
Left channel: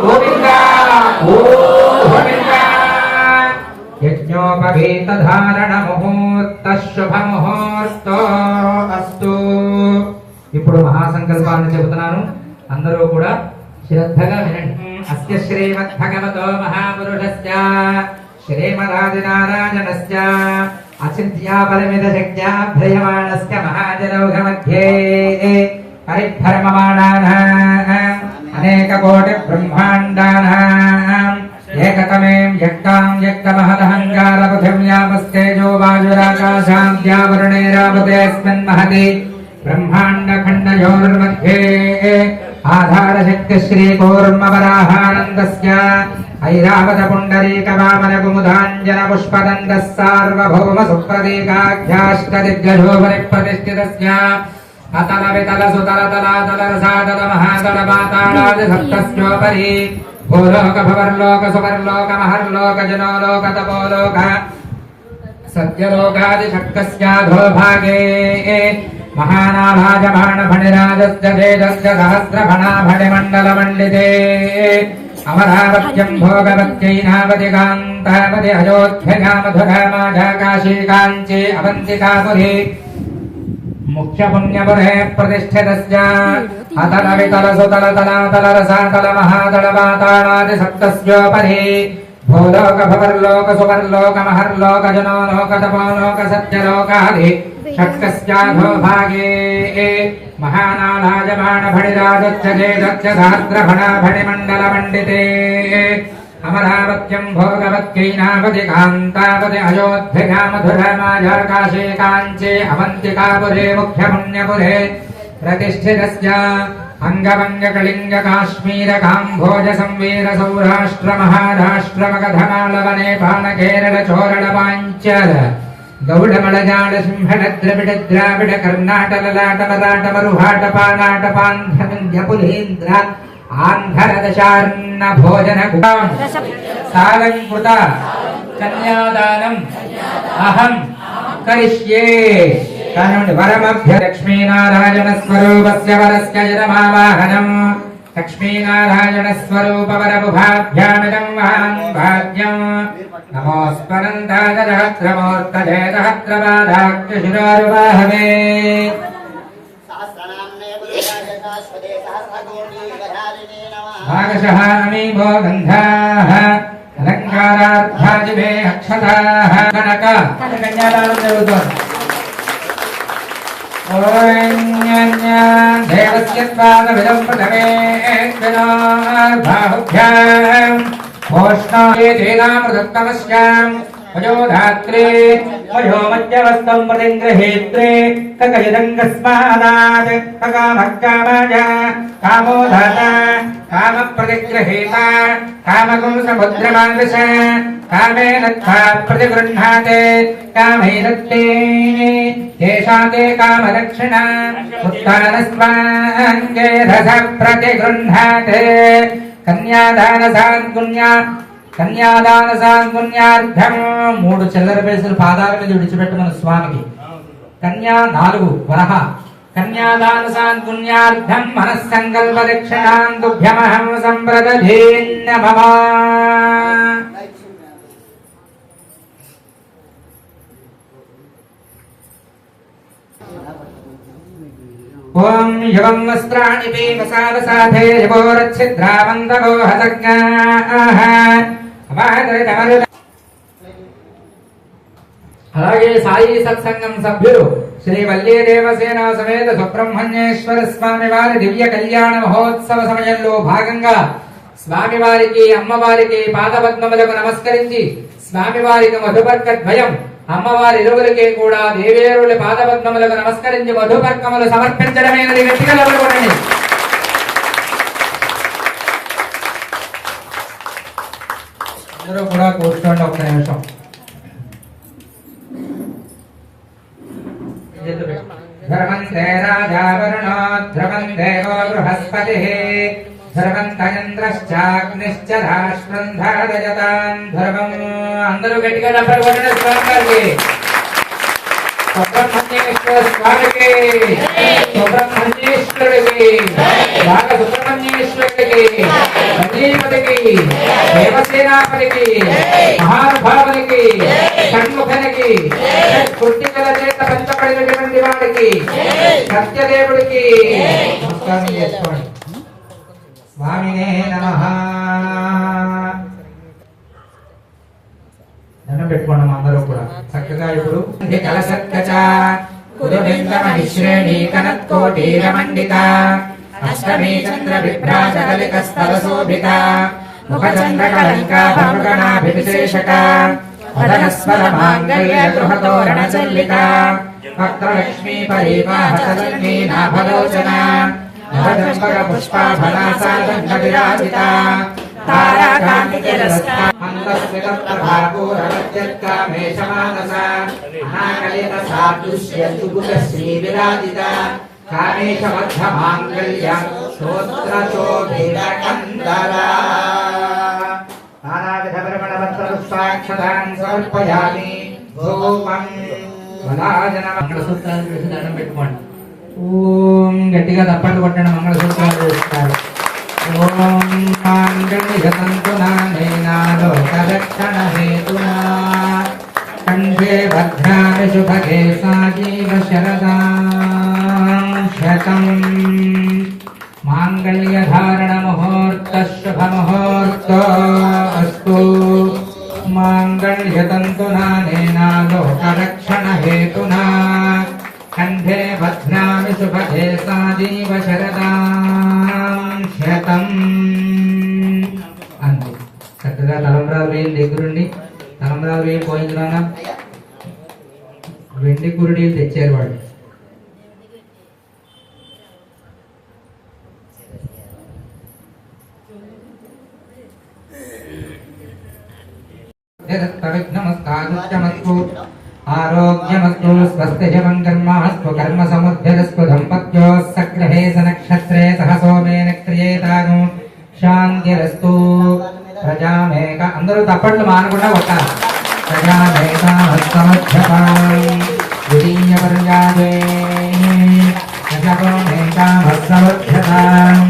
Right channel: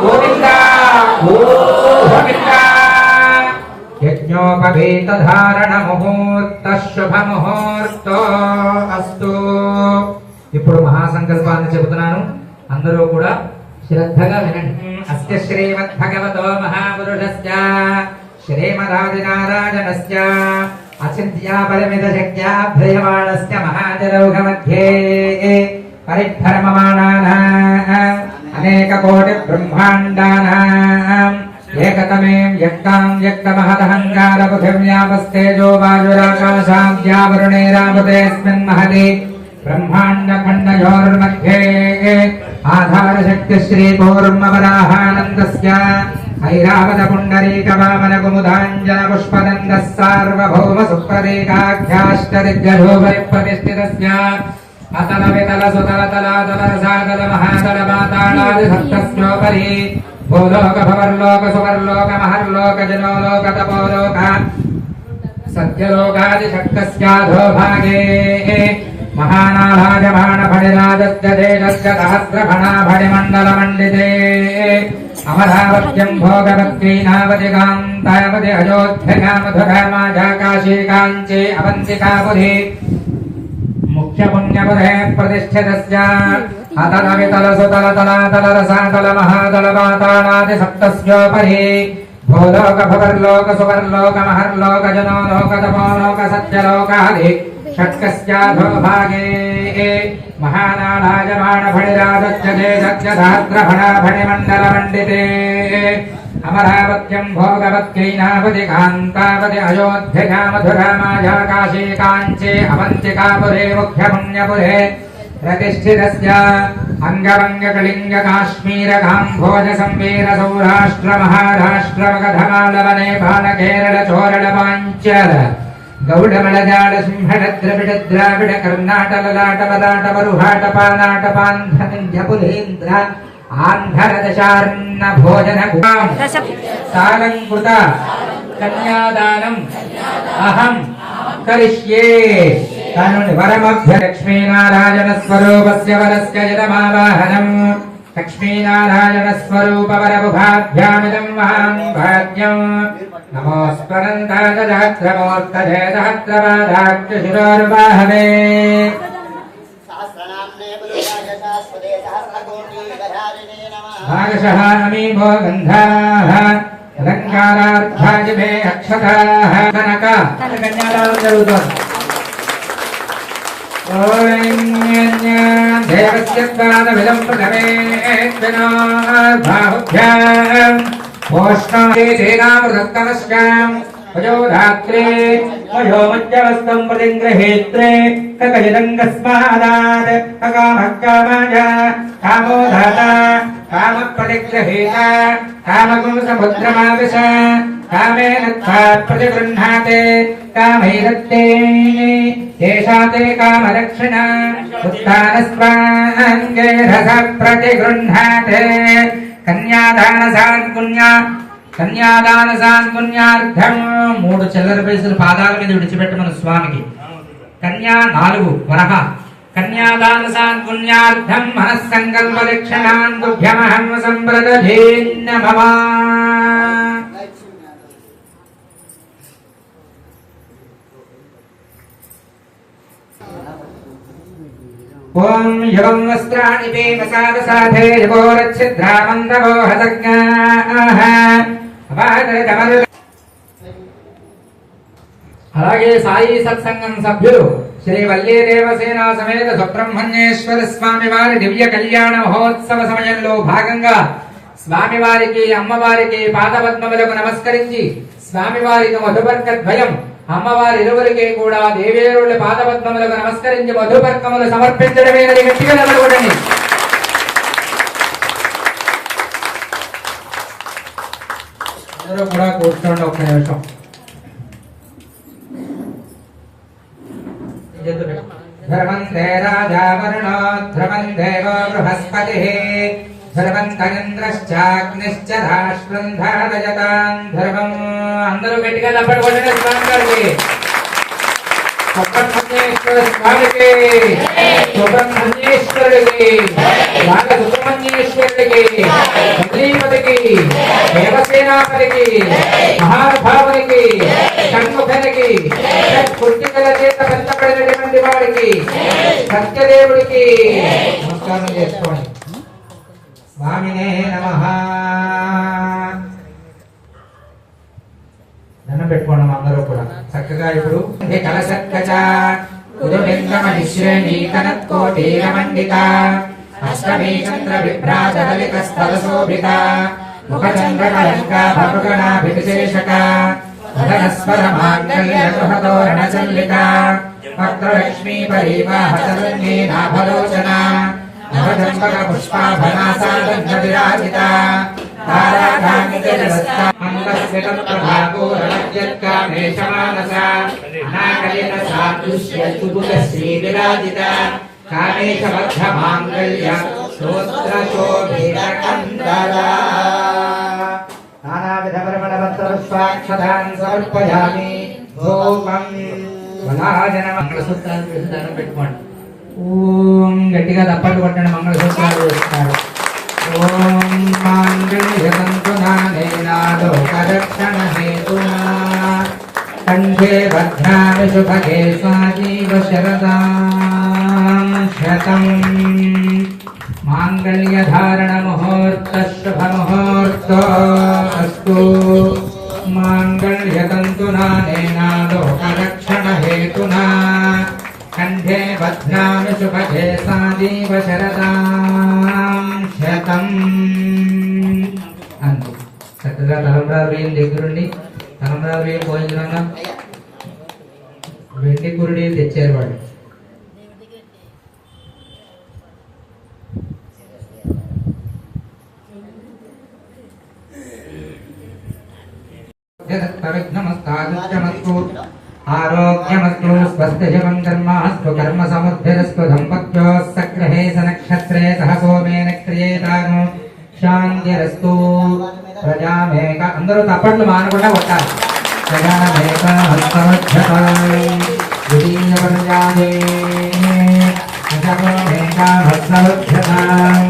గోవింద గోవింద. యజ్ఞోపవేత ధారణ ముహూర్త శుభ ముహూర్తో అస్తు. ఇప్పుడు మహాసంకల్పాన్ని చెబుతున్నాను, అందరూ కూడా శ్రద్ధగా వినండి. అస్య శ్రీమద్భగవతో మహాపురుషస్య శ్రీమదాదినారాయణస్య అచింత్యా పరిమిత శక్త్యాభ్రయమాణస్య మహాజనౌఘమధ్యే పరిభ్రమమాణానాం అనేక కోటి బ్రహ్మాండానాం ఏకతమేం యజ్ఞాం యజ్ఞమహదహంకార పృథివ్యామస్తేజో వాయురాకాశాద్యావరుణేరావతేస్మిన్ మహతి బ్రహ్మాండ ఖండయోర్मध्ये ఆధార శక్తి శ్రీ కూర్మవరాహానందస్య ఐరావత పుండరీక వామన కుముదాంజన పుష్పదండః సార్వభౌమ సుప్రదీకాఖ్యాష్ట దిగ్గజో పరిప్రతిష్ఠితస్య అతల వితల సుతల తలాతల రసాతల మహాతల పాతాళాది సప్తస్యోపరి భూలోక భవర్లోక సువర్లోక మహర్లోక జనోలోక తపోలోక సత్యలోకాది శక్తస్యాధో భాగే మహానారాజమాణ ఫణిరాజస్య తేజస్య సహస్రఫణా ఫణిమండల మండితే అమరావత్యం భోగవత్యై నావతి కాంతావతి అయోధ్యగామధుగామాజాకాశీ కాంచీ అవంతికాపురి ముఖ్య పుణ్యపురే ప్రతిష్ఠితస్య అతల వితల సుతల తలాతల రసాతల మహాతల పాతాళాది సప్తస్యోపరి భూలోక భవర్లోక సువర్లోక మహర్లోక జనోలోక తపోలోక సత్యలోకాది షట్కస్యాధో భాగే మహానారాజమాణ ఫణిరాజస్య తేజస్య సహస్రఫణా ఫణిమండల మండితే అమరావత్యం భోగవత్యై నావతి కాంతావతి అయోధ్యగామధురామాజాకాశీ కాంచీ అవంతికాపురే ముఖ్య పుణ్యపురే ప్రతిష్ఠితస్య అంగవంగ కళింగ కాశ్మీర కాంభోజ సంవీర సౌరాష్ట్ర మహారాష్ట్ర మగధమాళవ నేపాళ కేరళ చోరళ పాంచల గౌడమళజాడ సింహడ ద్రవిడ ద్రావిడ కర్ణాటక లాటవ రాటవ రుహాట పానాట పాంధ పులేంద్ర ఆంధ్ర దశార్ణ భోజన సాలంకృత కన్యాదానం అహం కరిష్యే. వరమభ్య లక్ష్మీనారాయణ స్వరూపస్య వరస్య యదమావాహనం లక్ష్మీనారాయణ స్వరూప వరబుభాభ్యామిదం మహాన్ భాగ్యం. నమోస్మరందాయ సహస్రమూర్తయే సహస్రపాదాఖ్య శిరోరువాహవే. భాగశః అమీమో గంధాః అలంకారార్థాజిమే అక్షతాః. కనక కన్యాదానం జరుగుతోంది. దేవస్య పాదవిదం ప్రథమే బాహుభ్యాం ఓష్ణే తేనామృతస్తమస్యాం వయోధాత్రే వయోమధ్యవస్తం ప్రతిగృహేత్రే కగజదంగస్మాదాద్ కకామకామాజ కామోధాత కామ ప్రతిగృహేత కామగుం సముద్రమాదశ కామేన ప్రతిగృహ్ణాతే కామైరత్తే తేషాతే కామరక్షణ ఉత్తానస్వాంగే రస ప్రతిగృహ్ణాతే. కన్యాదాన సాన్పుణ్యార్థం 3 చిల్లర పైసలు పాదాల మీద విడిచిపెట్టమని స్వామికి. కన్యా 4 వరహ. కన్యాదాన సాన్పుణ్యార్థం మనస్సంకల్ప దక్షిణాన్ తుభ్యమహం సంప్రదధీన్న మమ. ఓం యవం వస్త్రాణి పీకసావసాధే యవోరచ్ఛిద్రామందవో హతజ్ఞాః. అలాగే సాయి సత్సంగం సభ్యులు శ్రీ వల్లీ దేవసేన సమేత సుబ్రహ్మణ్యేశ్వర స్వామి వారి దివ్య కళ్యాణ మహోత్సవ సమయంలో భాగంగా స్వామివారికి అమ్మవారికి పాదపద్మములకు నమస్కరించి స్వామివారికి మధుపర్కద్వయం అమ్మవారి ఇరువురికి కూడా దేవేరుల పాదపద్మములకు నమస్కరించి మధుపర్కములు సమర్పించడమైనది. గట్టిగా నిలబడండి. అందరూ కూడా కూర్చోండి ఒక్క నిమిషం. ధర్మంతే రాజా వరుణో ధ్రువం దేవో బృహస్పతిః ధర్మంతయంద్రశ్చాగ్నిశ్చ రాష్ట్రం ధారయతాం ధర్మం. అందరూ గట్టిగా నప్పడుకోండి స్వామికి. సుబ్రహ్మణ్యేశ్వర స్వామికి, సుబ్రహ్మణ్యేశ్వరుడికి, రాగ సుబ్రహ్మణ్యేశ్వరుడికి, గణీపతికి, దేవసేనాపతికి, మహానుభావునికి, షణ్ముఖనికి, పుట్టికల చేత పెంచబడినటువంటి వాడికి, సత్యదేవుడికి నమస్కారం చేసుకోండి. స్వామినే నమః. దండం పెట్టుకోండి అందరూ కూడా చక్కగా. ఇప్పుడు కలసక్కచ కురులింగమహిశ్రేణీ కనత్కోటీరమండిత అష్టమీ చంద్ర విభ్రాజ కలిక స్థలశోభిత ముఖచంద్ర కలంకా భగణాభివిశేషక వదనస్వర మాంగళ్య గృహతోరణ చల్లిక వక్రలక్ష్మీ పరివాహసరణ్యీ నాభలోచన నవదంబక పుష్పాభనాసాదండ విరాజిత సమర్పయామి. మంగళసూత్రాలు పెట్టుకోండి. ఓం గట్టిగా దప్పట్లు కొట్టండి. మంగళసూత్రాలు వేస్తారు. ఓం లోకరక్షణహేతునా కంఠే భద్రాని శుభగే సాజీవ శరదాం శతం. మాంగళ్యధారణ ముహూర్త శుభ ముహూర్తో అస్తు. మాంగళ్యతంతునా నేనా లోకరక్షణహేతునా కంఠే భద్రాని శుభగే సాజీవ శరదాం శతం. అంతే. చక్కగా తలంబ్రాలు వేలు దగ్గరుండి తలంబ్రాలు వేలు పోయించున్నా వెండి కురుడీలు తెచ్చారు వాళ్ళు. ఆరోగ్యమస్తు స్వస్తిజమం కర్మాస్తు కర్మ సముద్యస్తు దంపత్యో సగ్రహే సనక్షత్రే సహ సోమేన క్రియేతాను శాంతిరస్తు. ప్రజామేక అందరూ తప్పట్లు మానకుండా కొట్టాలి. ప్రజామేక ద్వితీయ పర్యాదే ప్రజామేక భక్తవక్షతాం.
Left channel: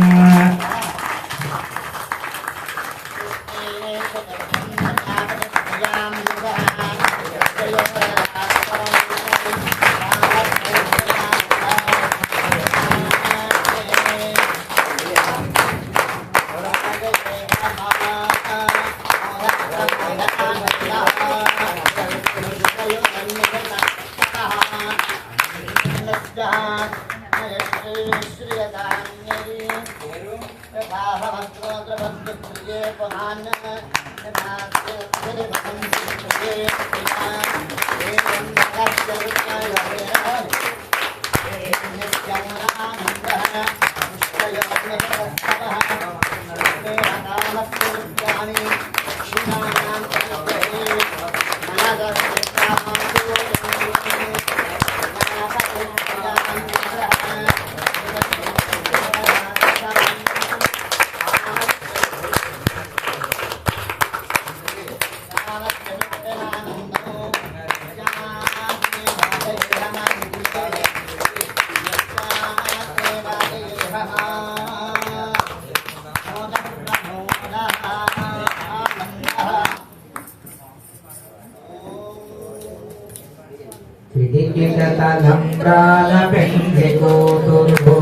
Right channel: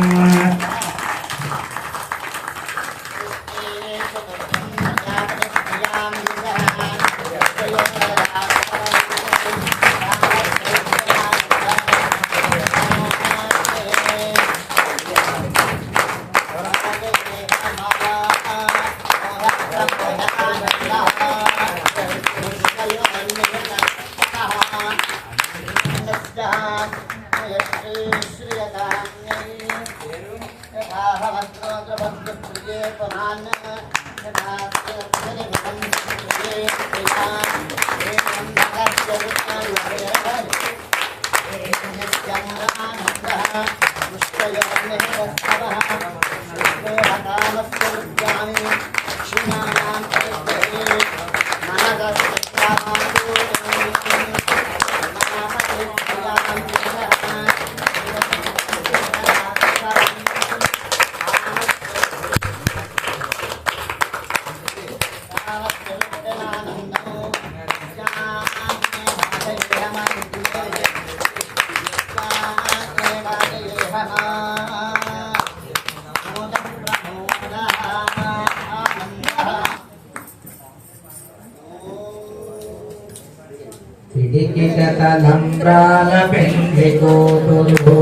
పిడికిటలంబ్రాలపెండికోటులు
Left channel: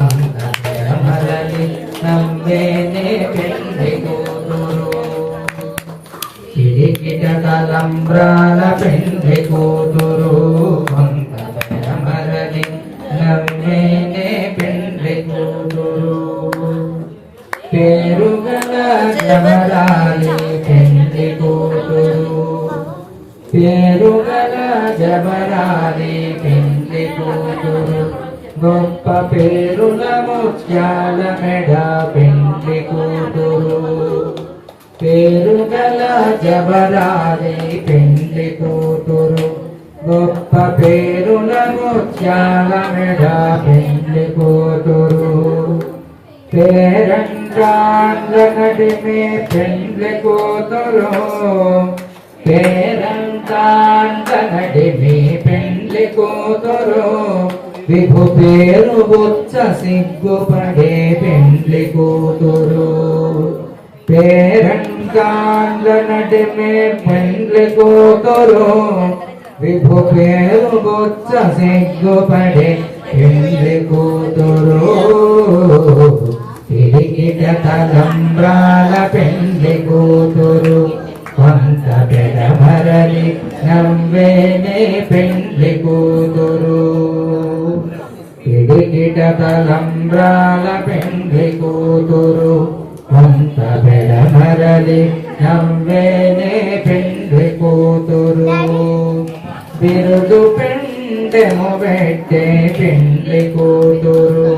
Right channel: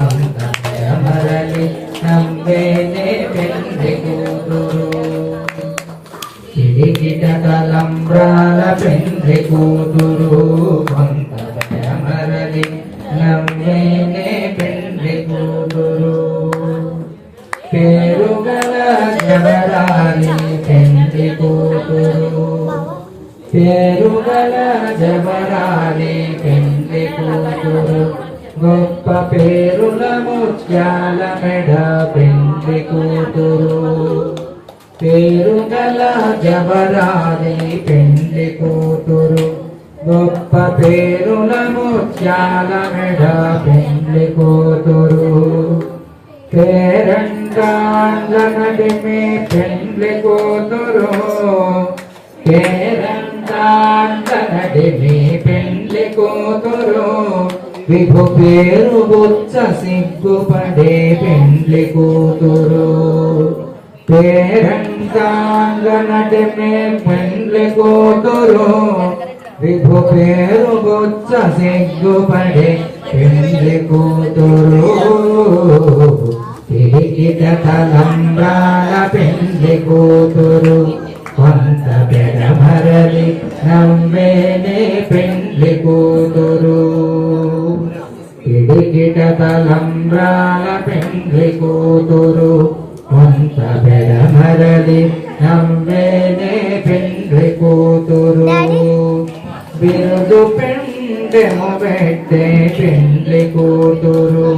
అంతమరలి నవ్వేనే పెండికోటులు. పిడికిటలంబ్రాలపెండికోటులు అంతమరలి నవ్వేనే పెండికోటులు. పేరుగల జవరాలి పెండికోటులు పేరుగల జవరాలి పెండ్లి కూతురు. గొప్ప పేరుల ముత్యాల మెడ పెండ్లి కూతురు. పేరుగల జవరాలి పెండ్లి కూతురు. గొప్ప పేరుల ముత్యాల మెడ పెండ్లి కూతురు. పేరంట పేరంటాండ్లనటి మీ పెండ్లి కూతురు పేరంటాండ్లనటి మీ పెండ్లి కూతురు విభు పేరు బొచ్చ సిగ్గుపడే పెండ్లి కూతురు పేరంటాండ్లనటి మీ పెండ్లి కూతురు విభు పేరు బొచ్చ సిగ్గుపడే పెండ్లి కూతురు తిరిగిట తలంబ్రాల పెండ్లి కూతురు కొంత పెడమరలి నవ్వేనే పెండ్లి కూతురు తిరిగిట తలంబ్రాల పెండ్లి కూతురు కొంత పెడమరలి నవ్వేనే పెండ్లి కూతురు బిరుదు పెండెము పెట్టే పెండ్లి కూతురు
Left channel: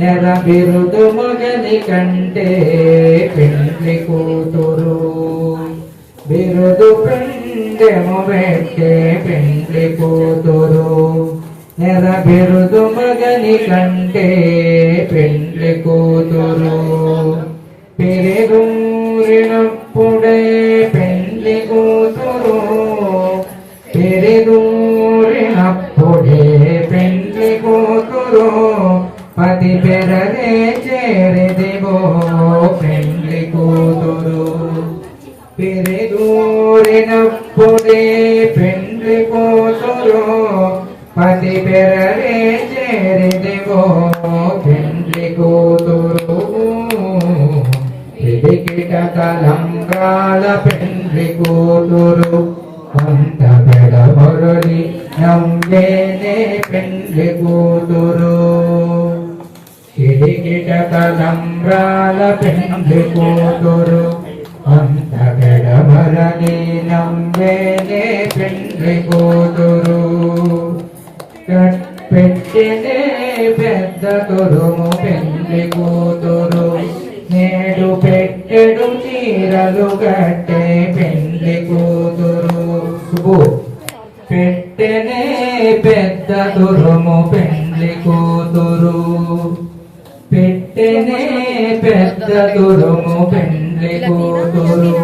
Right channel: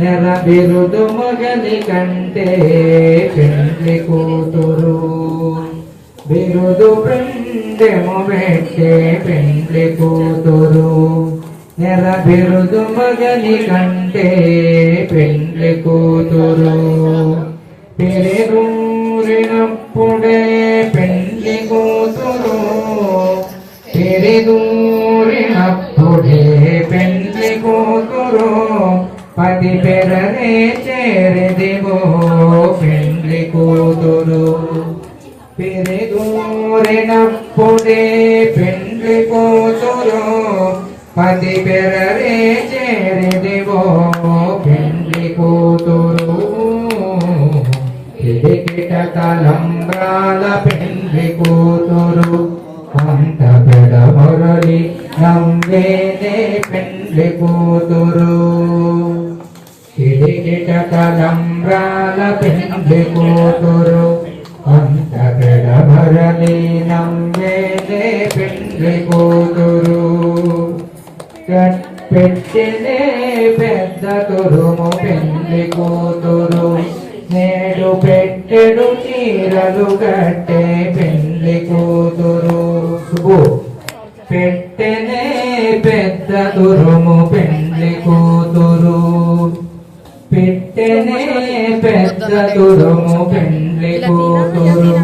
నెల బిరుదు మగని కంటే పెండ్లి కూతురు బిరుదు పెండెము పెట్టే పెండ్లి కూతురు నెల బిరుదు మగని కంటే పెండ్లి కూతురు పెరిదూరినప్పుడే పెండ్లి కూతురు పెరిదూరినప్పుడే పెండ్లి కూతురు పది పెరరే చేరదిగో పెండ్లి కూతురు పెరిదూరినప్పుడే పెండ్లి కూతురు పది పెరరే చేరదిగో పెండ్లి కూతురు పిడికిట తలంబ్రాల పెండ్లి కూతురు కొంత పెడమొరలి నవ్వేనే పెండ్లి కూతురు పిడికిట తలంబ్రాల పెండ్లి కూతురు కొంత పెడమొరలి నవ్వేనే పెండ్లి కూతురు పెట్టినే పెద్ద తురుము పెండ్లి కూతురు నేడు పెట్టెడు చీరలు కట్టే పెండ్లి కూతురు శుభు పెట్టెనే పెద్ద తురుము పెండ్లి కూతురు పెట్టెనే పెద్ద తురుము పెండ్లి కూతురు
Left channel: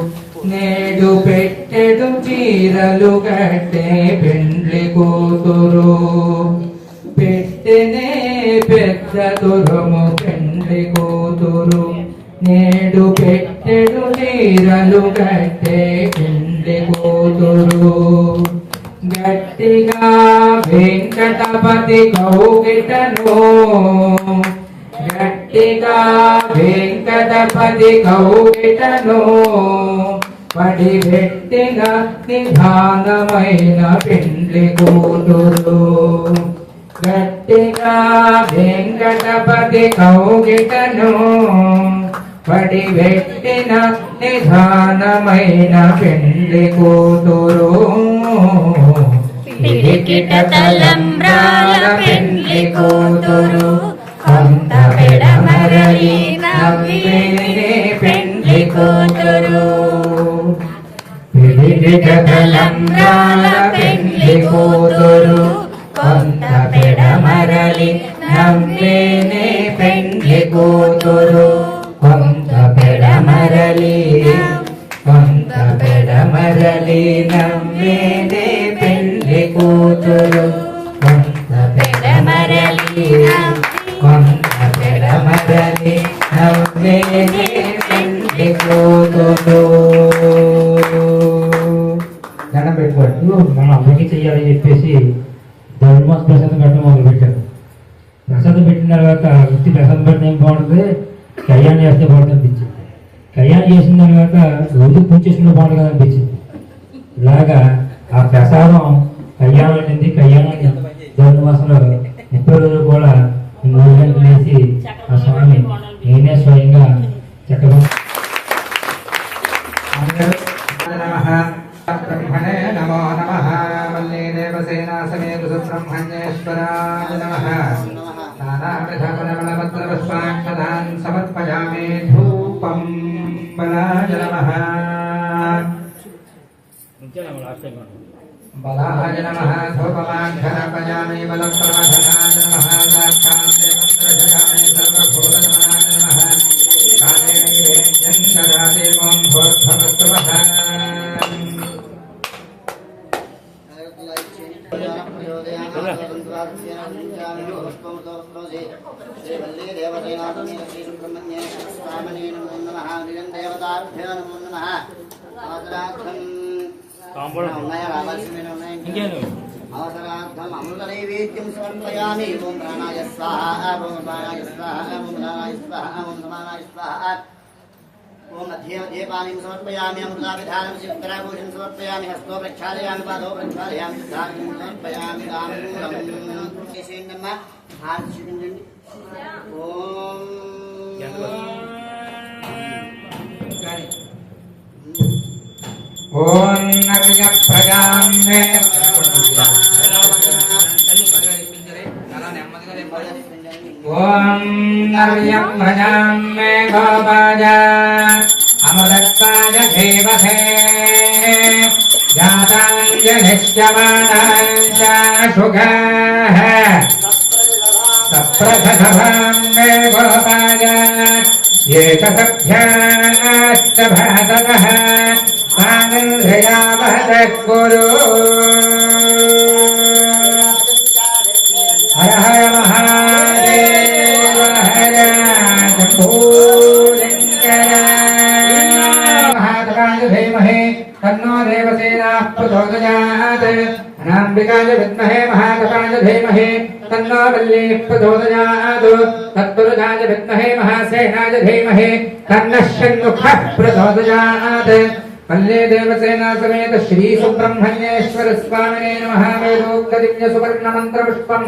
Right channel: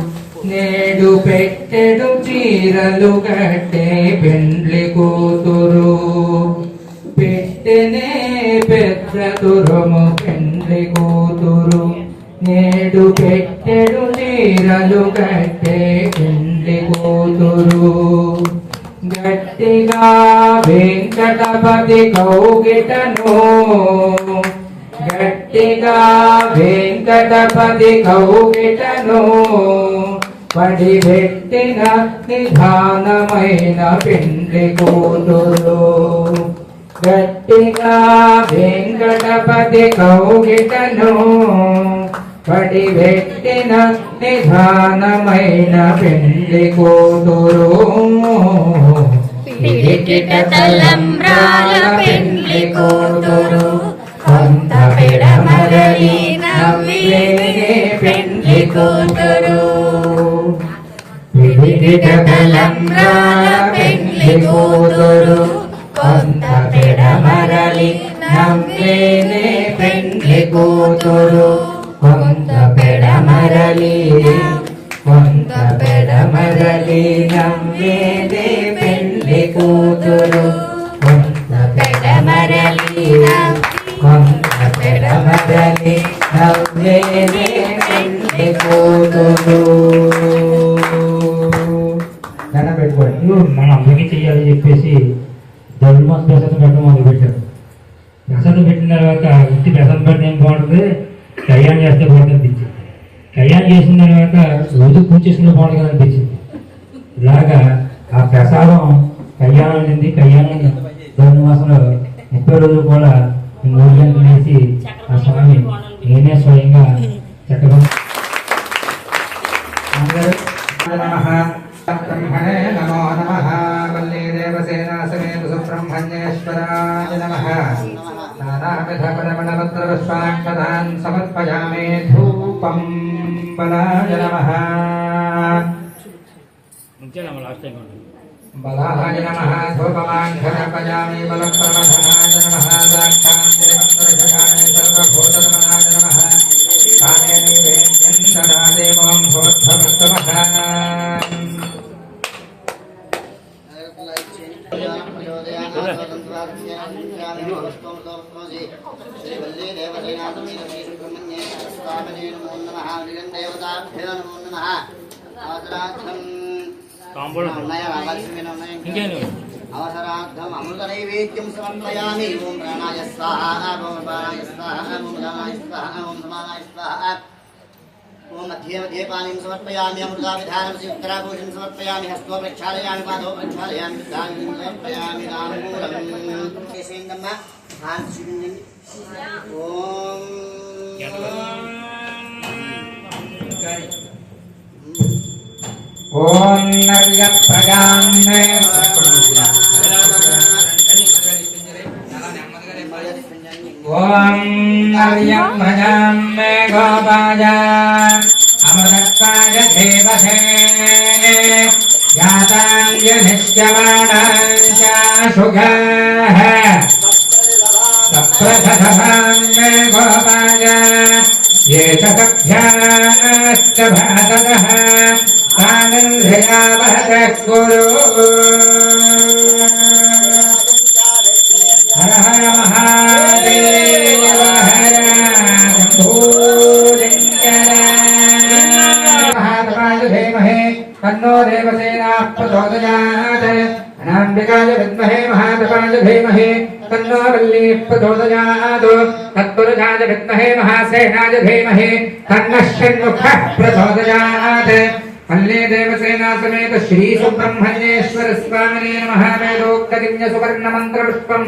నేడు పెట్టెడు చీరలు కట్టే పెండ్లి కూతురు పెట్టెనే పెద్ద తురుము పెండ్లి కూతురు నేడు పెట్టెడు చీరలు కట్టే పెండ్లి కూతురు గట్టిగా వెంకటపతి కౌగిటను గట్టిగా వెంకటపతి కౌగిటను పడి పెట్టిన నిధానమైన పెండ్లి కూతురు గట్టిగా వెంకటపతి కౌగిటను పడి పెట్టిన నిధానమైన పెండ్లి కూతురు పిడికిట తలంబ్రాల పెండ్లి కూతురు కొంత పెడమరలి నవ్వేనే పెండ్లి కూతురు పిడికిట తలంబ్రాల పెండ్లి కూతురు కొంత పెడమరలి నవ్వేనే పెండ్లి కూతురు కొంత పెడమరలి నవ్వేనే పెండ్లి కూతురు కొంత పెడమరలి నవ్వేనే పెండ్లి కూతురు దండం పెట్టుకోండి. మనం అందరికీ చెయ్యాలని చెప్పేసి ధర్మాస్ ప్రసాదం పెట్టడం మొదలు పెట్టారు. ప్రసాదం పెట్టిన తర్వాత ఉత్తి ప్రసాదం పెట్టడం ఏం బాగుంటుంది, కళ్యాణం చేస్తే బాగుంటుంది అనిపించింది. కళ్యాణం చేసిన తర్వాత రోజు పూజ చేసిన బాగుంటుంది కదా అనిపించింది. ఇలాగా ఆ ప్రసాదం కళ్యాణం అనేది కళ్యాణం ధర్మాసంలో 30 రోజులు కూడా 3 గంటలు వేసి ఆ స్వామి నేనే స్వయంగా చక్కగా బ్రహ్మణే నమో నమః వల్లీ దేవసేనా సమేత సుబ్రహ్మణ్యేశ్వరాయ నమః నానావిధ పరిమళపత్ర పుష్పాక్షతాన్ సమర్పయామి ధూపం బలాయ నమః బలాయ నమః ధూపమాఘ్రపయామి బలప్రమథనాయ నమః సాక్షాత్ దేవం దర్శయామి సర్వభూతనమనాయ నమః कालेन विवेद्यं ददादेवं भवत्तमस्तमः అవసరార్థం అమృత నైవేద్యం సమర్పయామి. ఓం ప్రాణాయ స్వాహ, ఓం ప్రాణాయ స్వాహ, ఓం ఉదానాయ స్వాహ, ఓం సమానాయ స్వాహ. ఓం మధ్యే మధ్యే పానీం సమర్పయామి. అమృతాభిధానం ఉత్తరాభూషణం సమర్పయామి. హస్తో ప్రక్షాళయామి, పాదో ప్రక్షాళయామి, ధాన్యం సమర్పయామి. రామూలం చేసేయండమ్మా, హారతి చూపించండి. ఓం ఓం నర్య ప్రజాం ఓం నర్యం భజాం మే గోపాయ అమృతాయ దేవతే జాతాంజలిష్యమాణాంచ శుఘః సప్రథభాం మే గోపాయ ये च सभ्याश्च भातकः तामिन्द्रियावहतः कुरु हर हर महादेव हर शम्भोशङ्कर महात्माय धीमहि तन्नो देवसेनाः प्रचोदयात् अनाम्बिकाय विद्महे महादेवाय धीमहि तन्नो वल्लीः प्रचोदयात् तत्पुरुषाय विद्महे महासेनाय धीमहि तन्नः षण्मुखः प्रचोदयात् वल्ली देवसेना समेत श्री सुब्रह्मण्येश्वर स्वामिने नमः वेदोक्तदिव्य सुवर्ण मंत्र पुष्पं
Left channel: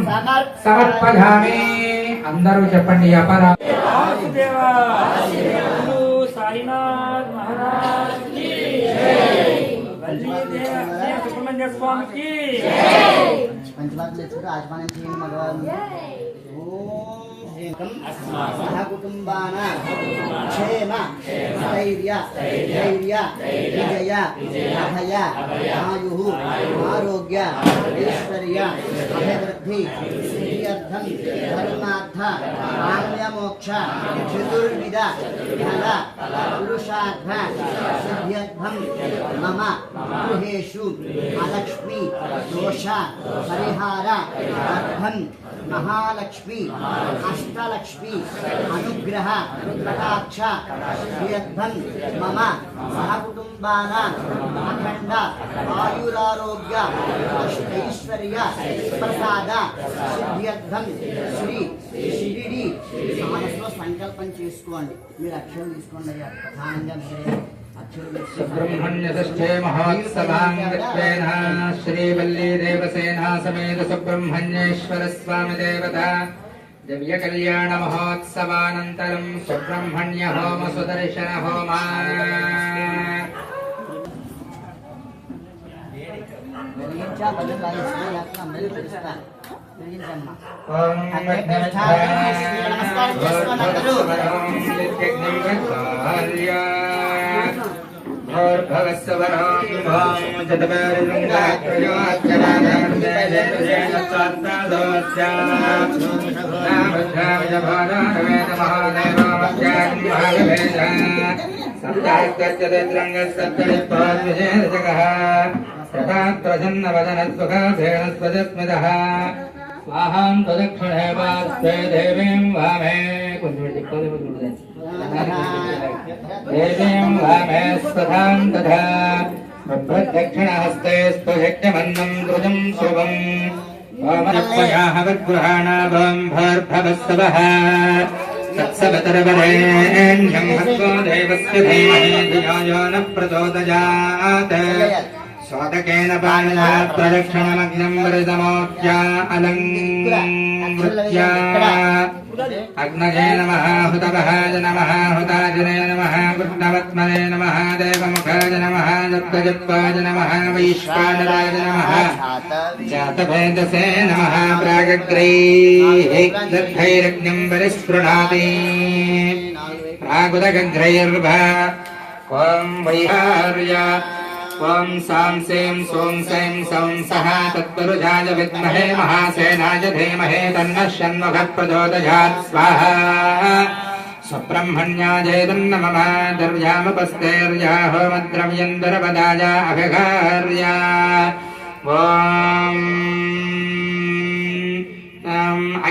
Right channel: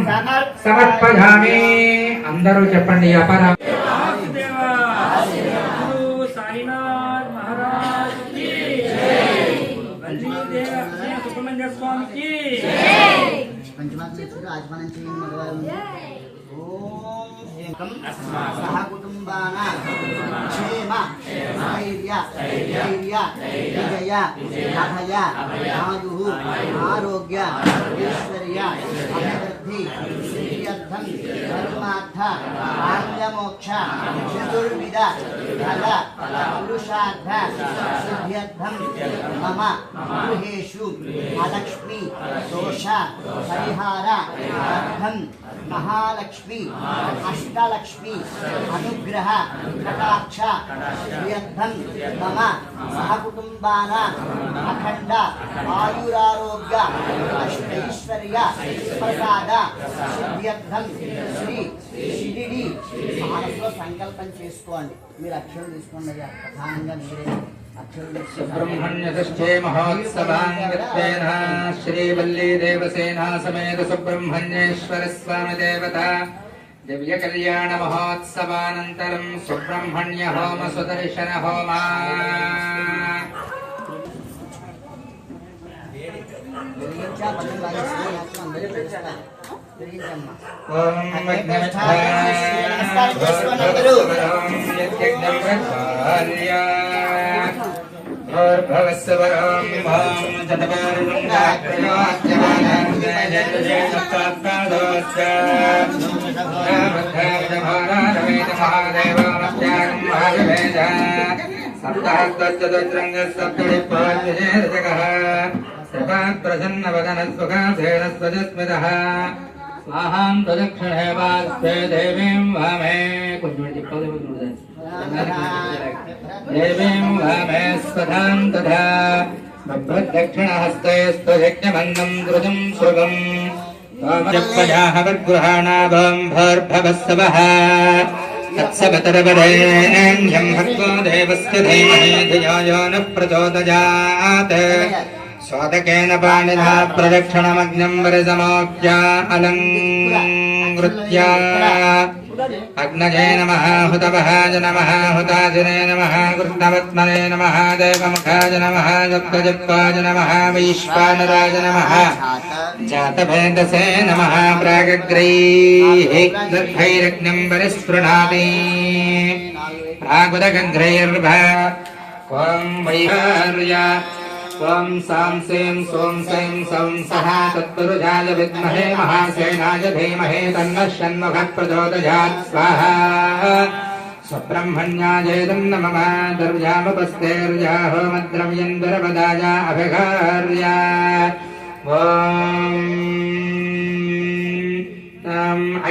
समर्पयामि అందరూ చెప్పండి అపర साईनाथ महाराज की जय। वल्ली देव सुब्रह्मण्य स्वामी की పంచమాత్మ ఆచమనం చేయండి మగవాళ్ళు. ఓం సహ కుటుంబాన క్షేమ స్థైర్య ధైర్య విజయ అభయ ఆయు ఆరోగ్య ఐశ్వర్య అభివృద్ధి శ్రీయర్థం ధర్మార్థ ఆంగ్లమోక్ష చతుర్విధ ఫల పురుషార్థ సిద్ధ్యర్థం మమ గృహేషు అలక్ష్మి దోష పరిహార అర్థం మహాలక్ష్మి అష్టలక్ష్మి అనుగ్రహ కటాక్ష సిద్ధ్యర్థం మమ సహకుటుంబాన అఖండ ఆయురారోగ్య అష్టైశ్వర్య ప్రసాద సిద్ధ్యర్థం శ్రీ షిరిడి మనసులో సంకల్పం చేసుకోండి. మీరు అక్షరం తీసుకోండి. ప్రధానంగా మీరే सुब्रह्मण्यष्ठे महोत्सवाङ्गत्वेन श्रीवल्ली देवसेना समेत सुब्रह्मण्येश्वर स्वामी देवता दिव्य कल्याण महोत्सवानन्तरं सुब्रह्मण्य होम सुदर्शन होम प्रसन्नवदनस्वकाधेनस्वजस्मितः स्वाहां तदक्षिणे वास्ते देवीं वामे देवीं वामे स्वधां तथा प्रदक्षिणहस्ते स्वयज्ञमन्नं द्रुजं श्रुवम् वामजक्पयाः वद्गृहाणाभं भर्भवस्सवः तत्सवतरवरेण्यं भक्तो देवस्य धीमहि धियो यो नः प्रचोदयात् स्वादकेन पाणिना प्रदक्षिणमग्नं वरसमोक्ष्य अलङ्कृत्य अग्नये नमः हुतवहाय नमः हुताजने नमः कृष्णवत्मने नमः देवमुखाय नमः दत्तजप्पाय नमः वैश्वानराय नमः जातभेदसे नमः प्रागग्रैः दद्धैरग्नं परिस्पृणाति प्रागुदगन्ध्रैर्भा ॐ वैहार्य ॐ सां सें सों सें सौं सः तत्पुरुषाय विद्महे महासेनाय धीमहि तन्नः षण्मुखः प्रचोदयात् स्वाहा సుబ్రహ్మణ్యాజేదన్నమః ద్రవ్యాముపస్తేర్యా హోమద్రవ్యంతరపదాయ అభిఘార్యా ఓం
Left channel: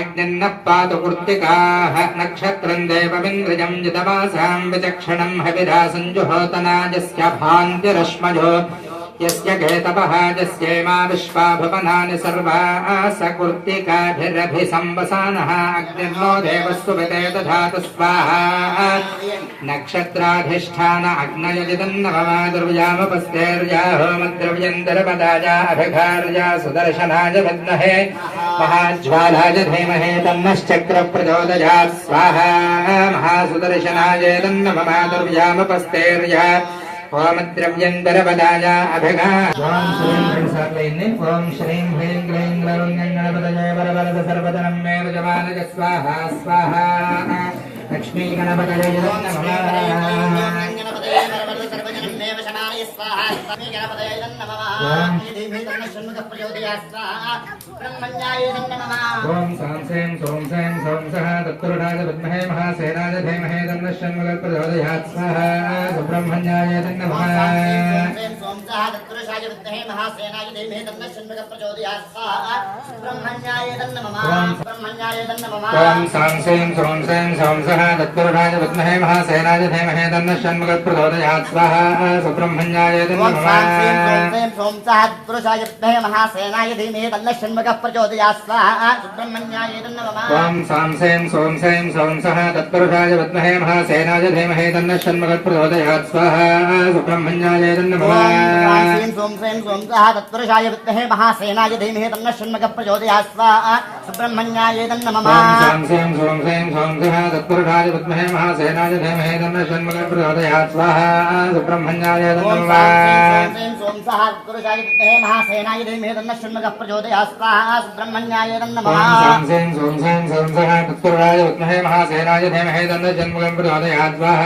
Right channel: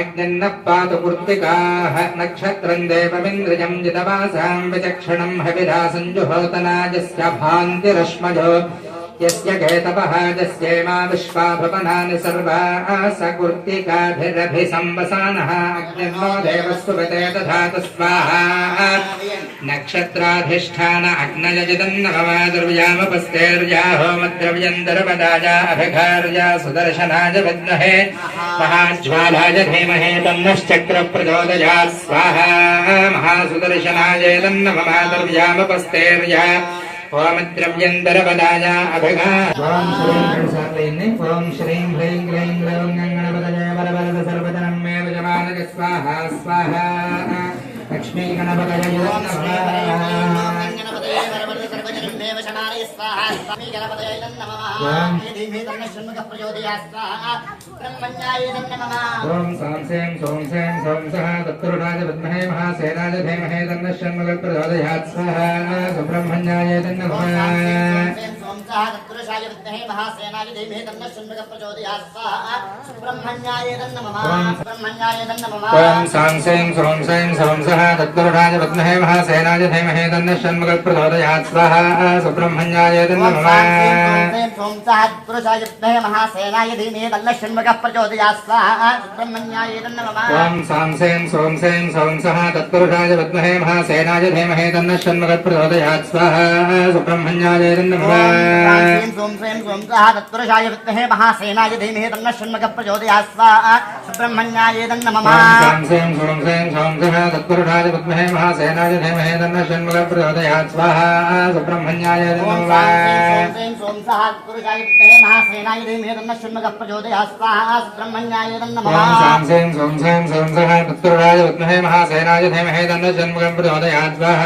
అగ్నిన్నః పాతు పూర్తికాః నక్షత్రం దేవమింద్రియం జితవాసాం విచక్షణం హవిరాసం జుహోతనాయస్య భాంతిరశ్మజో యస్య కేతవః యస్యేమా విశ్వా భువనాని సర్వాః సకృత్తికాభిరభిసంవసానః అగ్నిర్నో దేవస్సు వితే దధాతు స్వాహా నక్షత్రాధిష్ఠాన అగ్నయజిదం నమః ద్రవ్యాముపస్తేర్యా హోమద్రవ్యంతరపదాయ అభిఘార్యా సుదర్శనాయ విద్మహే మహాజ్వాలాయ ధీమహి తన్నశ్చక్ర ప్రచోదయాత్ స్వాహా మహాసుదర్శనాయ నమః ద్రవ్యాముపస్తేర్యా ఓమద్రవ్యంతరపదాయ అభిఘార్యా ఓం శ్రీం హ్రీం క్లీం గ్లౌం గణపతయే వరవరద సర్వజనం మే యజమానక స్వాహా స్వాహా లక్ష్మీ గణపతయే నమః ఓం సాం సేం సోం సేం సోం సహ తత్పురుషాయ విద్మహే మహాసేనాయ ధీమహి తన్నః షణ్ముఖః ప్రచోదయాత్ స్వాహా సుబ్రహ్మణ్యాయ నమః ఓం సాం సేం సోం సేం సోం సహ తత్పురుషాయ విద్మహే మహాసేనాయ ధీమహి తన్నః షణ్ముఖః ప్రచోదయాత్ స్వాహా సుబ్రహ్మణ్యాయ నమః ఓం సాం సేం సోం సేం సోం సహ తత్పురుషాయ విద్మహే మహాసేనాయ ధీమహి తన్నః షణ్ముఖః ప్రచోదయాత్ స్వాహా సుబ్రహ్మణ్యాయ నమః తత్పురుషాయ విద్మహే మహాసేనాయ ధీమహి తన్నః షణ్ముఖః ప్రచోదయాత్ స్వాహా సుబ్రహ్మణ్యాయ నమః ఓం సాం సేం సోం సేం సోం సహ తత్పురుషాయ విద్మహే మహాసేనాయ ధీమహి తన్నః షణ్ముఖః ప్రచోదయాత్ స్వాహా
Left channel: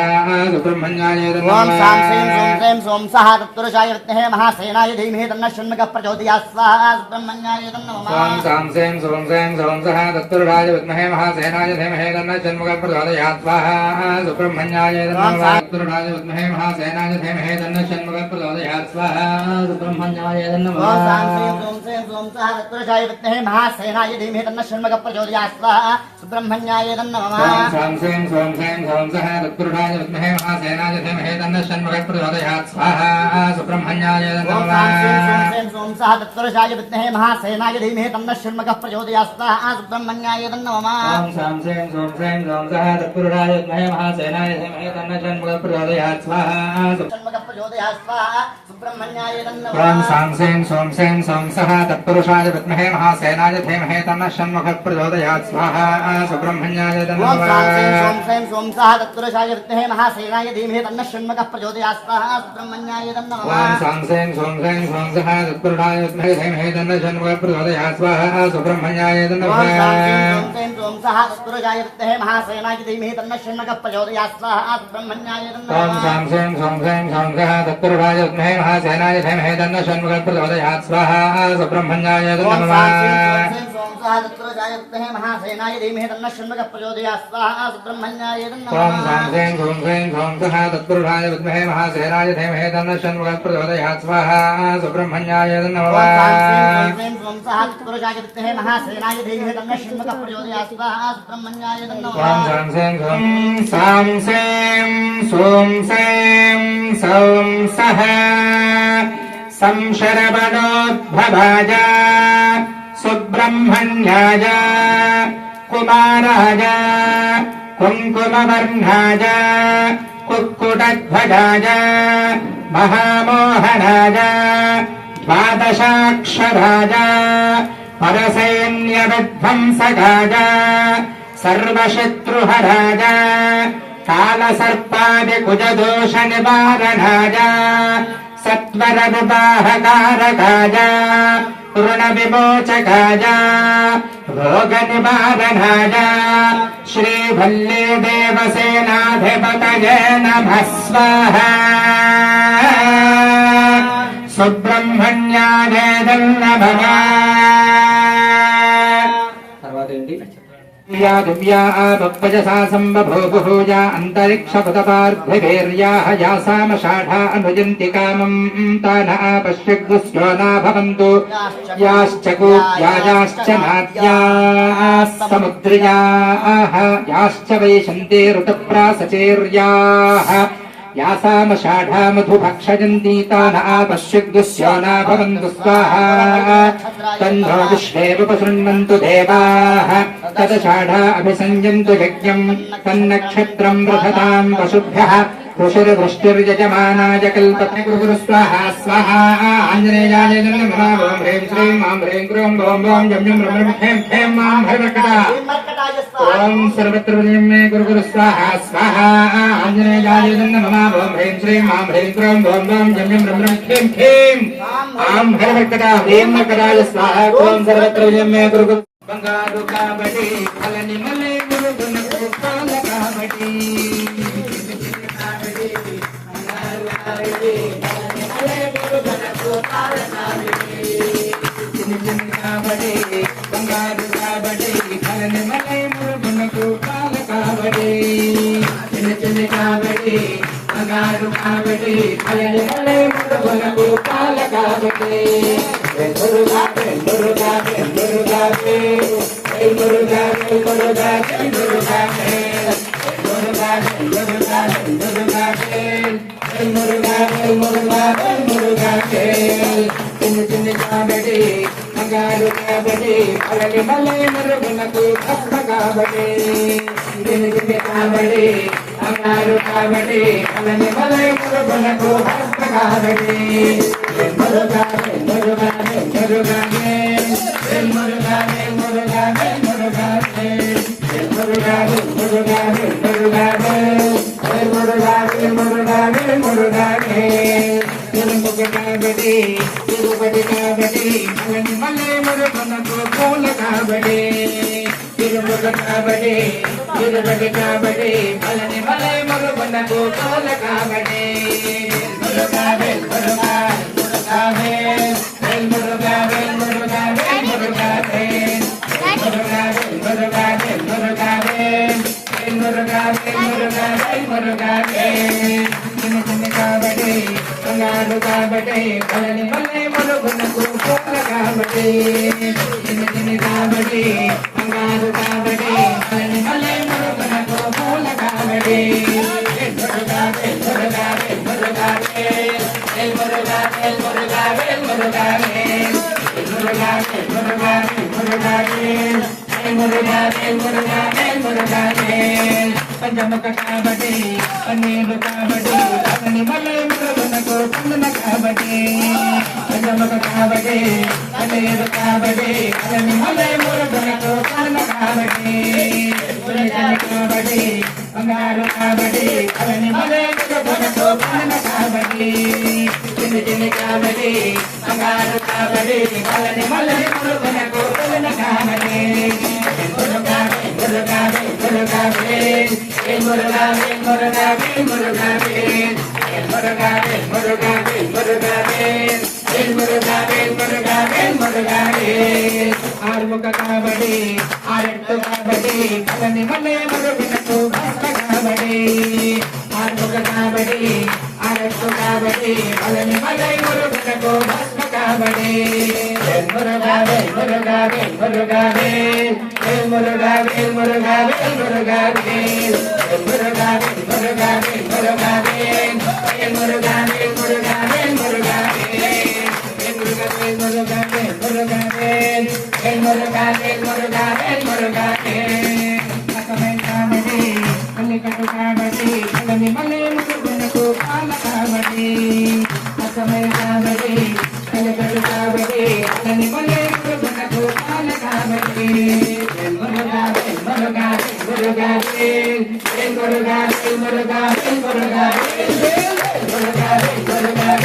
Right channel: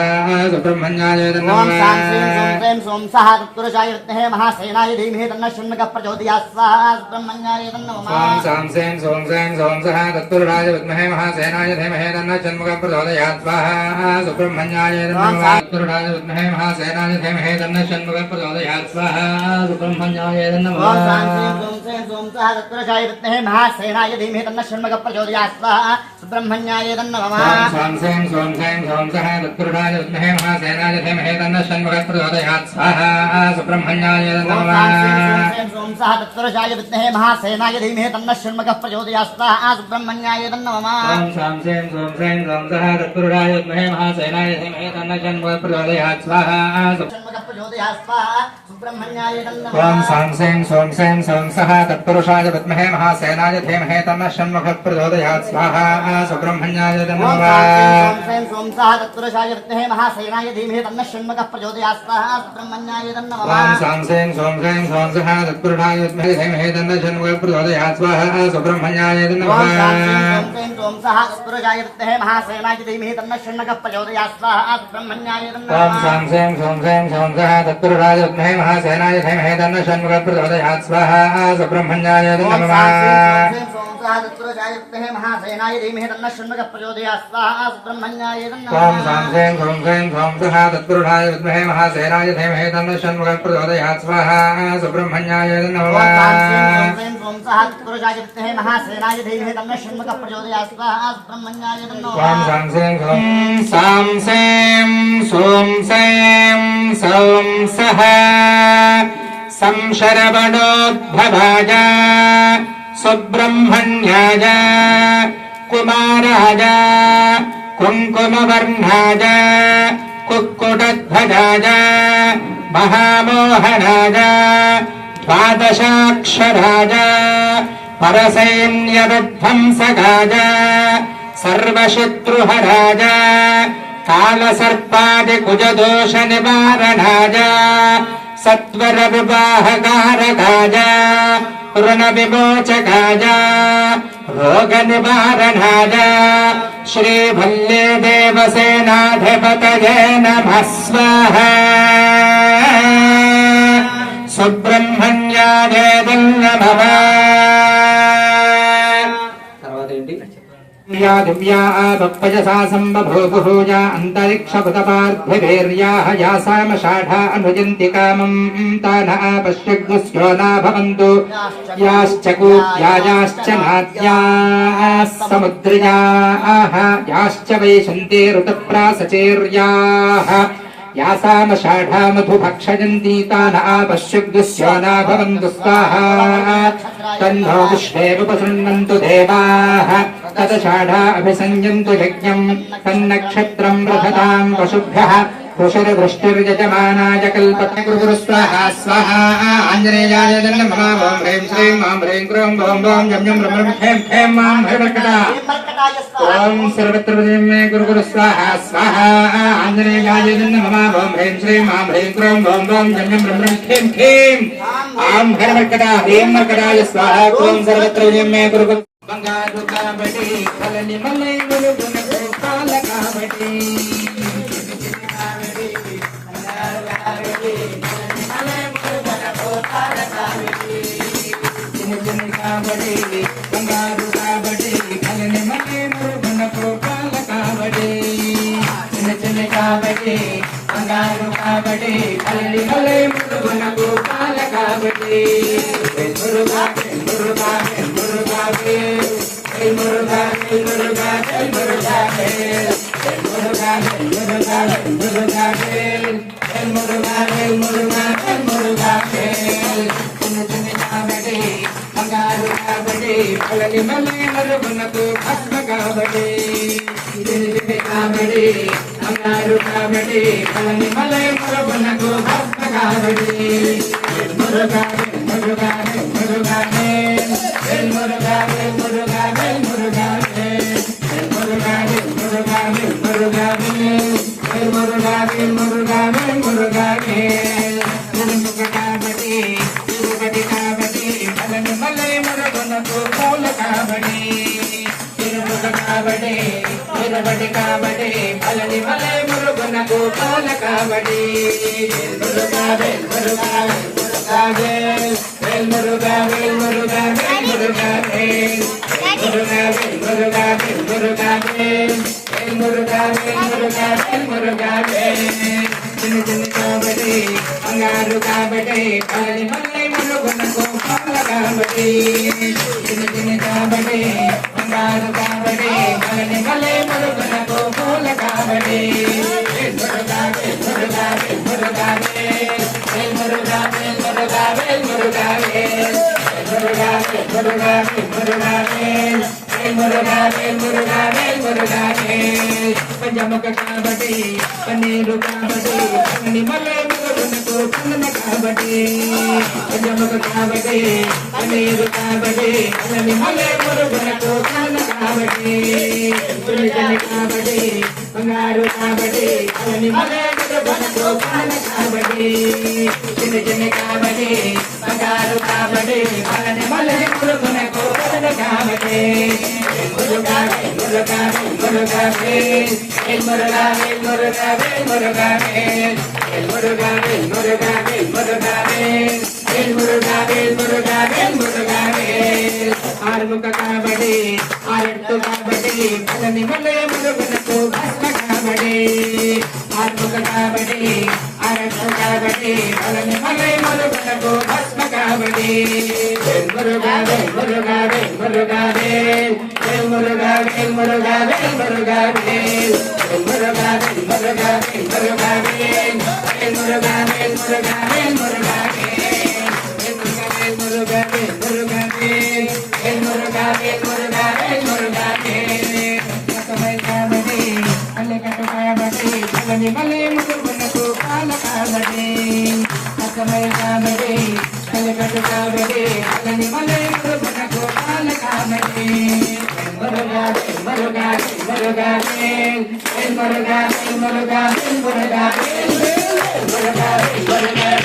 సుబ్రహ్మణ్యాయ నమః ఓం సాం సేం సోం సేం సోం సహ తత్పురుషాయ విద్మహే మహాసేనాయ ధీమహి తన్నః షణ్ముఖః ప్రచోదయాత్ స్వాహా సుబ్రహ్మణ్యాయ నమః ఓం సాం సేం సోం సేం సోం సహ తత్పురుషాయ విద్మహే మహాసేనాయ ధీమహి తన్నః షణ్ముఖః ప్రచోదయాత్ స్వాహా సుబ్రహ్మణ్యాయ నమః తత్పురుషాయ విద్మహే మహాసేనాయ ధీమహి తన్నః షణ్ముఖః ప్రచోదయాత్ స్వాహా సుబ్రహ్మణ్యాయ నమః సుబ్రహ్మణ్యాయ నమః ఓం సాం సేం సోం సేం సోం సహ తత్పురుషాయ విద్మహే మహాసేనాయ ధీమహి తన్నః షణ్ముఖః ప్రచోదయాత్ స్వాహా సుబ్రహ్మణ్యాయ నమః తత్పురుషాయ విద్మహే మహాసేనాయ ధీమహి తన్నః షణ్ముఖః ప్రచోదయాత్ స్వాహా సుబ్రహ్మణ్యాయ నమః ఓం సాం సేం సోం సేం సోం సహ తత్పురుషాయ విద్మహే మహాసేనాయ ధీమహి తన్నః షణ్ముఖః ప్రచోదయాత్ స్వాహా ఓం సాం సేం సోం సేం సోం సహ తత్పురుషాయ విద్మహే మహాసేనాయ ధీమహి తన్నః షణ్ముఖః ప్రచోదయాత్ స్వాహా సుబ్రహ్మణ్యాయ నమః ఓం సాం సేం సోం సేం సోం సహ తత్పురుషాయ విద్మహే ధీమహి తన్నః షణ్ముఖః ప్రచోదయాత్ స్వాహా సుబ్రహ్మణ్యాయ నమః ఓం సాం సేం సోం సేం సోం సహ తత్పురుషాయ విద్మహే మహాసేనాయ ధీమహి తన్నః షణ్ముఖః ప్రచోదయాత్ స్వాహా సుబ్రహ్మణ్యాయ నమః ఓం సాం సేం సోం సేం సోం సహ తత్పురుషాయ విద్మహే మహాసేనాయ ధీమహి తన్నః షణ్ముఖః ప్రచోదయాత్ స్వాహా సుబ్రహ్మణ్యాయ నమః ఓం సాం సేం సాం సేం సోం సేం సౌం సహ సంశరవణోద్భవాయ సుబ్రహ్మణ్యాయ కుమారాయ కుంకుమవర్ణాయ కుక్కుటధ్వజాయ మహామోహనాయ ద్వాదశాక్షరాయ పరసైన్యవిధ్వంసకాయ సర్వశత్రుహరాయ కాలసర్పాదికుజదోష నివారణాయ సత్వర వివాహకారకాయ రుణ విమోచకాయ రోగ నివారణాయ శ్రీవల్లీ దేవసేనాధిపతయే నమః స్వాహా సుబ్రహ్మణ్యాయ నమః. తర్వాత ఏంటి? दिव्या दिव्या बप्पजसा सम्बभूभुजा अन्तरिक्षभुतपार्थिवीर्याः यासामषाढा अनुजन्ति कामम् तान आपश्यग्स्यो न भवन्तु याश्च कूत्यायाश्च नाद्याः समुद्रयाः याश्च वैशन्ते ऋतप्रासचेर्याः यासामषाढा मधुभक्षयन्ति तान आपश्यग्स्यो न भवन्तु स्वाहा तन्नो विश्वेरुपशृण्वन्तु देवाः तदषाढा अभिसंयन्तु यज्ञम् तन्नक्षत्रम् रथताम् पशुभ्यः कुशुरवृष्टिर्यजमानाय कल्पते गुरु स्वाहा स्वाहा आञ्जनेयाय नमः ॐ ह्रीं श्रीं मां ह्रीं क्रों गौं गौं जं जं ब्रह्म खें खें मां हरिवर्कटा ॐ सर्वत्र मे गुरु स्वाहा स्वाहा आञ्जनेयाय नमः ॐ ह्रीं श्रीं मां ह्रीं क्रों गौं गौं जं जं ब्रह्म खें खें मां हरिवर्कटा ह्रीं मर्कटाय स्वाहा ॐ सर्वत्र मे गुरु बंगारु काबडी फलनि मले गुरु गुण काबडी बंगारू काबड़ी फलन मले मुरुगन को काल काबड़ी चिन चिन काबड़ी बंगारू काबड़ी फलन मले मुरुगन को काल काबड़ी मुरुगा मुरुगा मुरुगा मुरुगा मुरुगा मुरुगा मुरुगा मुरुगा मुरुगा मुरुगा मुरुगा मुरुगा चिन चिन काबड़ी बंगारू काबड़ी फलन मले मुरुगन को भस्म काबड़ी चिन चिन काबड़ी बंगारू काबड़ी फलन मले मुरुगन को भस्म काबड़ी मुरुगा मुरुगा मुरुगा मुरुगा मुरुगा मुरुगा मुरुगा मुरुगा मुरुगा मुरुगा मुरुगा मुरुगा मुरुगा काबड़ी तिरुपति काबड़ी फलन मले मुरुगन को फूल काबड़ी तिरुपति काबड़ी तिरुपति काबड़ी फलन मले मुरुगन को फूल काबड़ी मुरुगा मुरुगा मुरुगा मुरुगा मुरुगा मुरुगा मुरुगा मुरुगा मुरुगा मुरुगा मुरुगा मुरुगा चिन चिन काबड़ी बंगारू काबड़ी फलन मले मुरुगन को फूल काबड़ी चिन चिन काबड़ी बंगारू काबड़ी फलन मले मुरुगन को फूल काबड़ी मुरुगा मुरुगा मुरुगा मुरुगा मुरुगा मुरुगा मुरुगा मुरुगा मुरुगा मुरुगा पंचमुख काबड़ी पनीर काबड़ी फलन मले मुरुगन को फूल काबड़ी पंचमुख काबड़ी पनीर काबड़ी फलन मले मुरुगन को फूल काबड़ी चिन चिन काबड़ी बंगारू काबड़ी फलन मले मुरुगन को फूल काबड़ी चिन चिन काबड़ी बंगारू काबड़ी फलन मले मुरुगन को फूल काबड़ी मुरुगा मुरुगा मुरुगा मुरुगा मुरुगा मुरुगा मुरुगा मुरुगा मुरुगा मुरुगा मुरुगा मुरुगा आर्मुख काबड़ी आरट्टु काबड़ी फलन मले मुरुगन को भस्म काबड़ी आर्मुख काबड़ी आरट्टु काबड़ी फलन मले मुरुगन को भस्म काबड़ी मुरुगा मुरुगा मुरुगा मुरुगा मुरुगा मुरुगा मुरुगा मुरुगा मुरुगा मुरुगा मुरुगा मुरुगा मुरुगा मुरुगा मुरुगा मुरुगा समय काबड़ी अल्लेकट काबड़ी फलन मले मुरुगन को काल काबड़ी समय काबड़ी अल्लेकट काबड़ी फलन मले मुरुगन को काल काबड़ी मुरुगा मुरुगा मुरुगा मुरुगा मुरुगा मुरुगा मुरुगा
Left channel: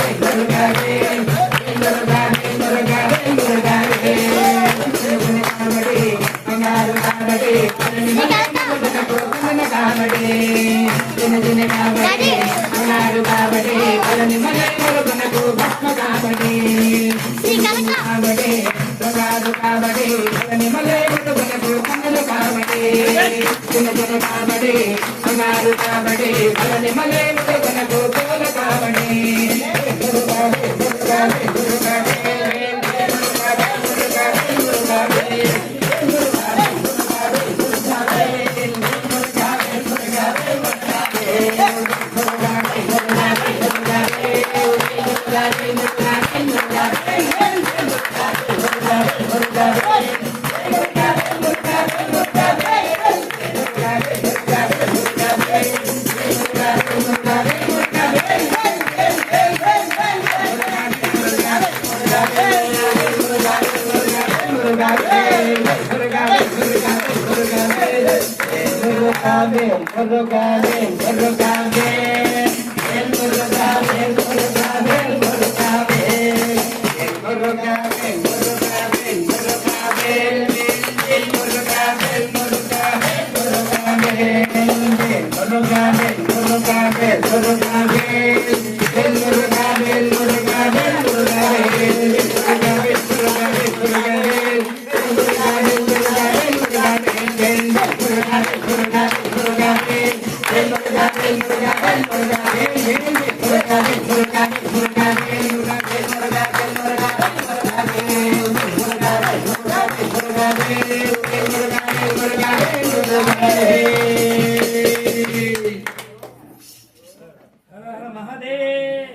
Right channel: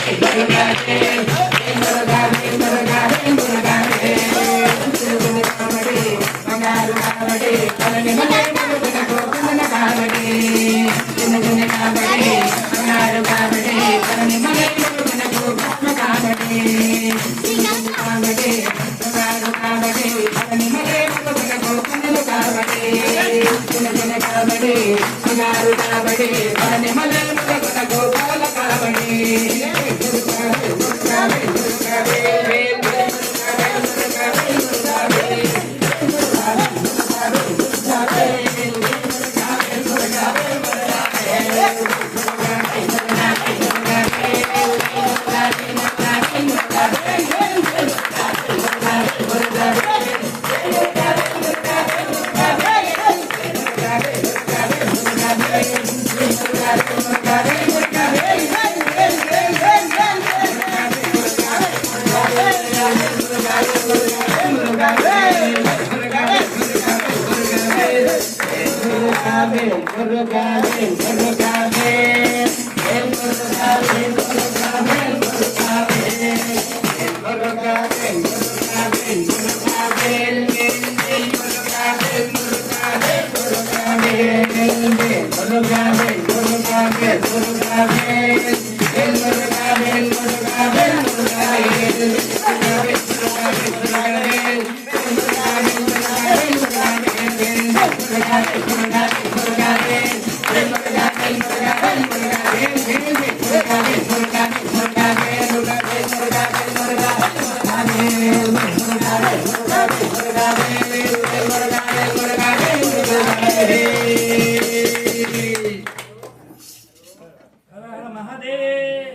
హర హర మహాదేవ్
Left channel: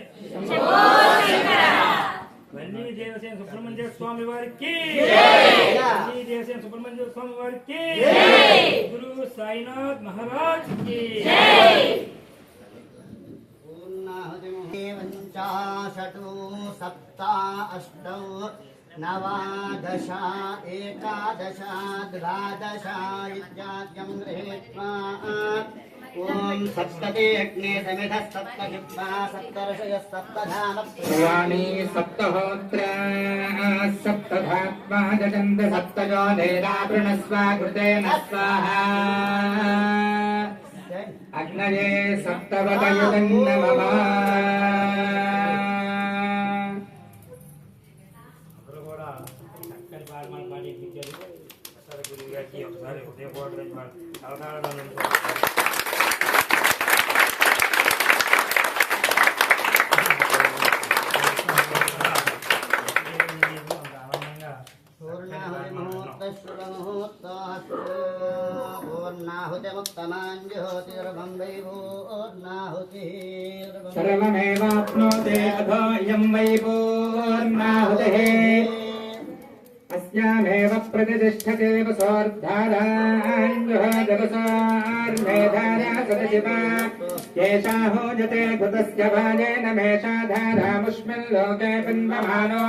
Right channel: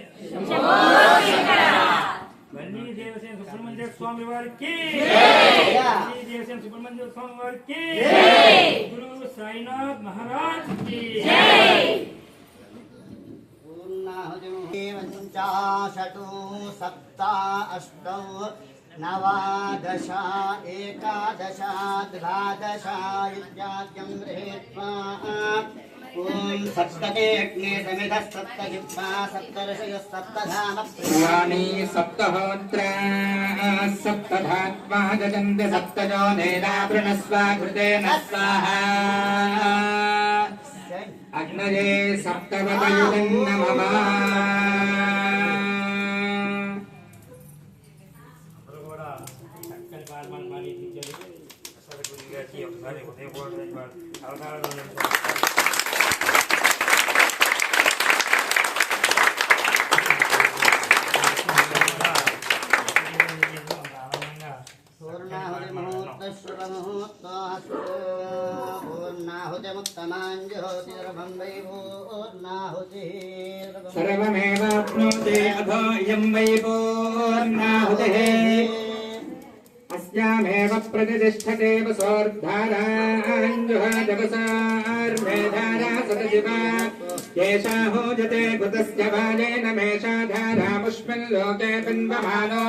వల్లి దేవసేన సుబ్రహ్మణ్య స్వామి వారికి వల్లి దేవసేన సుబ్రహ్మణ్య స్వామి వారికి గురు సాయినాథ్ మహారాజ్ కి पंचाशतु सप्ता अष्टौ नवादश एकादश द्वादश इत्याद्यं गृहीत्वा ॐ सप्तमे अग्ने समिधः सप्तहित्वा सप्तर्षयः सप्तधाम प्रियाणि सप्तहोत्रा सप्तधात्मा गजन्त सप्तजो देवावृणस्व कृतेन स्वाहा अग्नये सप्तवतयुगं नमः కూడా చక్కని పాల్మాన్ పాడి ఇచ్చారు అసలు గురువు గారికి ఒకసారి హృదయపూర్వక అవగాహన सर्वमेवाप्नोति अथो इयं वै पूर्णाहुतिः अस्यामेव प्रतिष्ठते वसोर्धाराञ्जुः जगसार्मेधारा सतशिवा येषा होजते कृतस्य बालेन मेषा धारामुष्मिन् लोके बिन्वमानो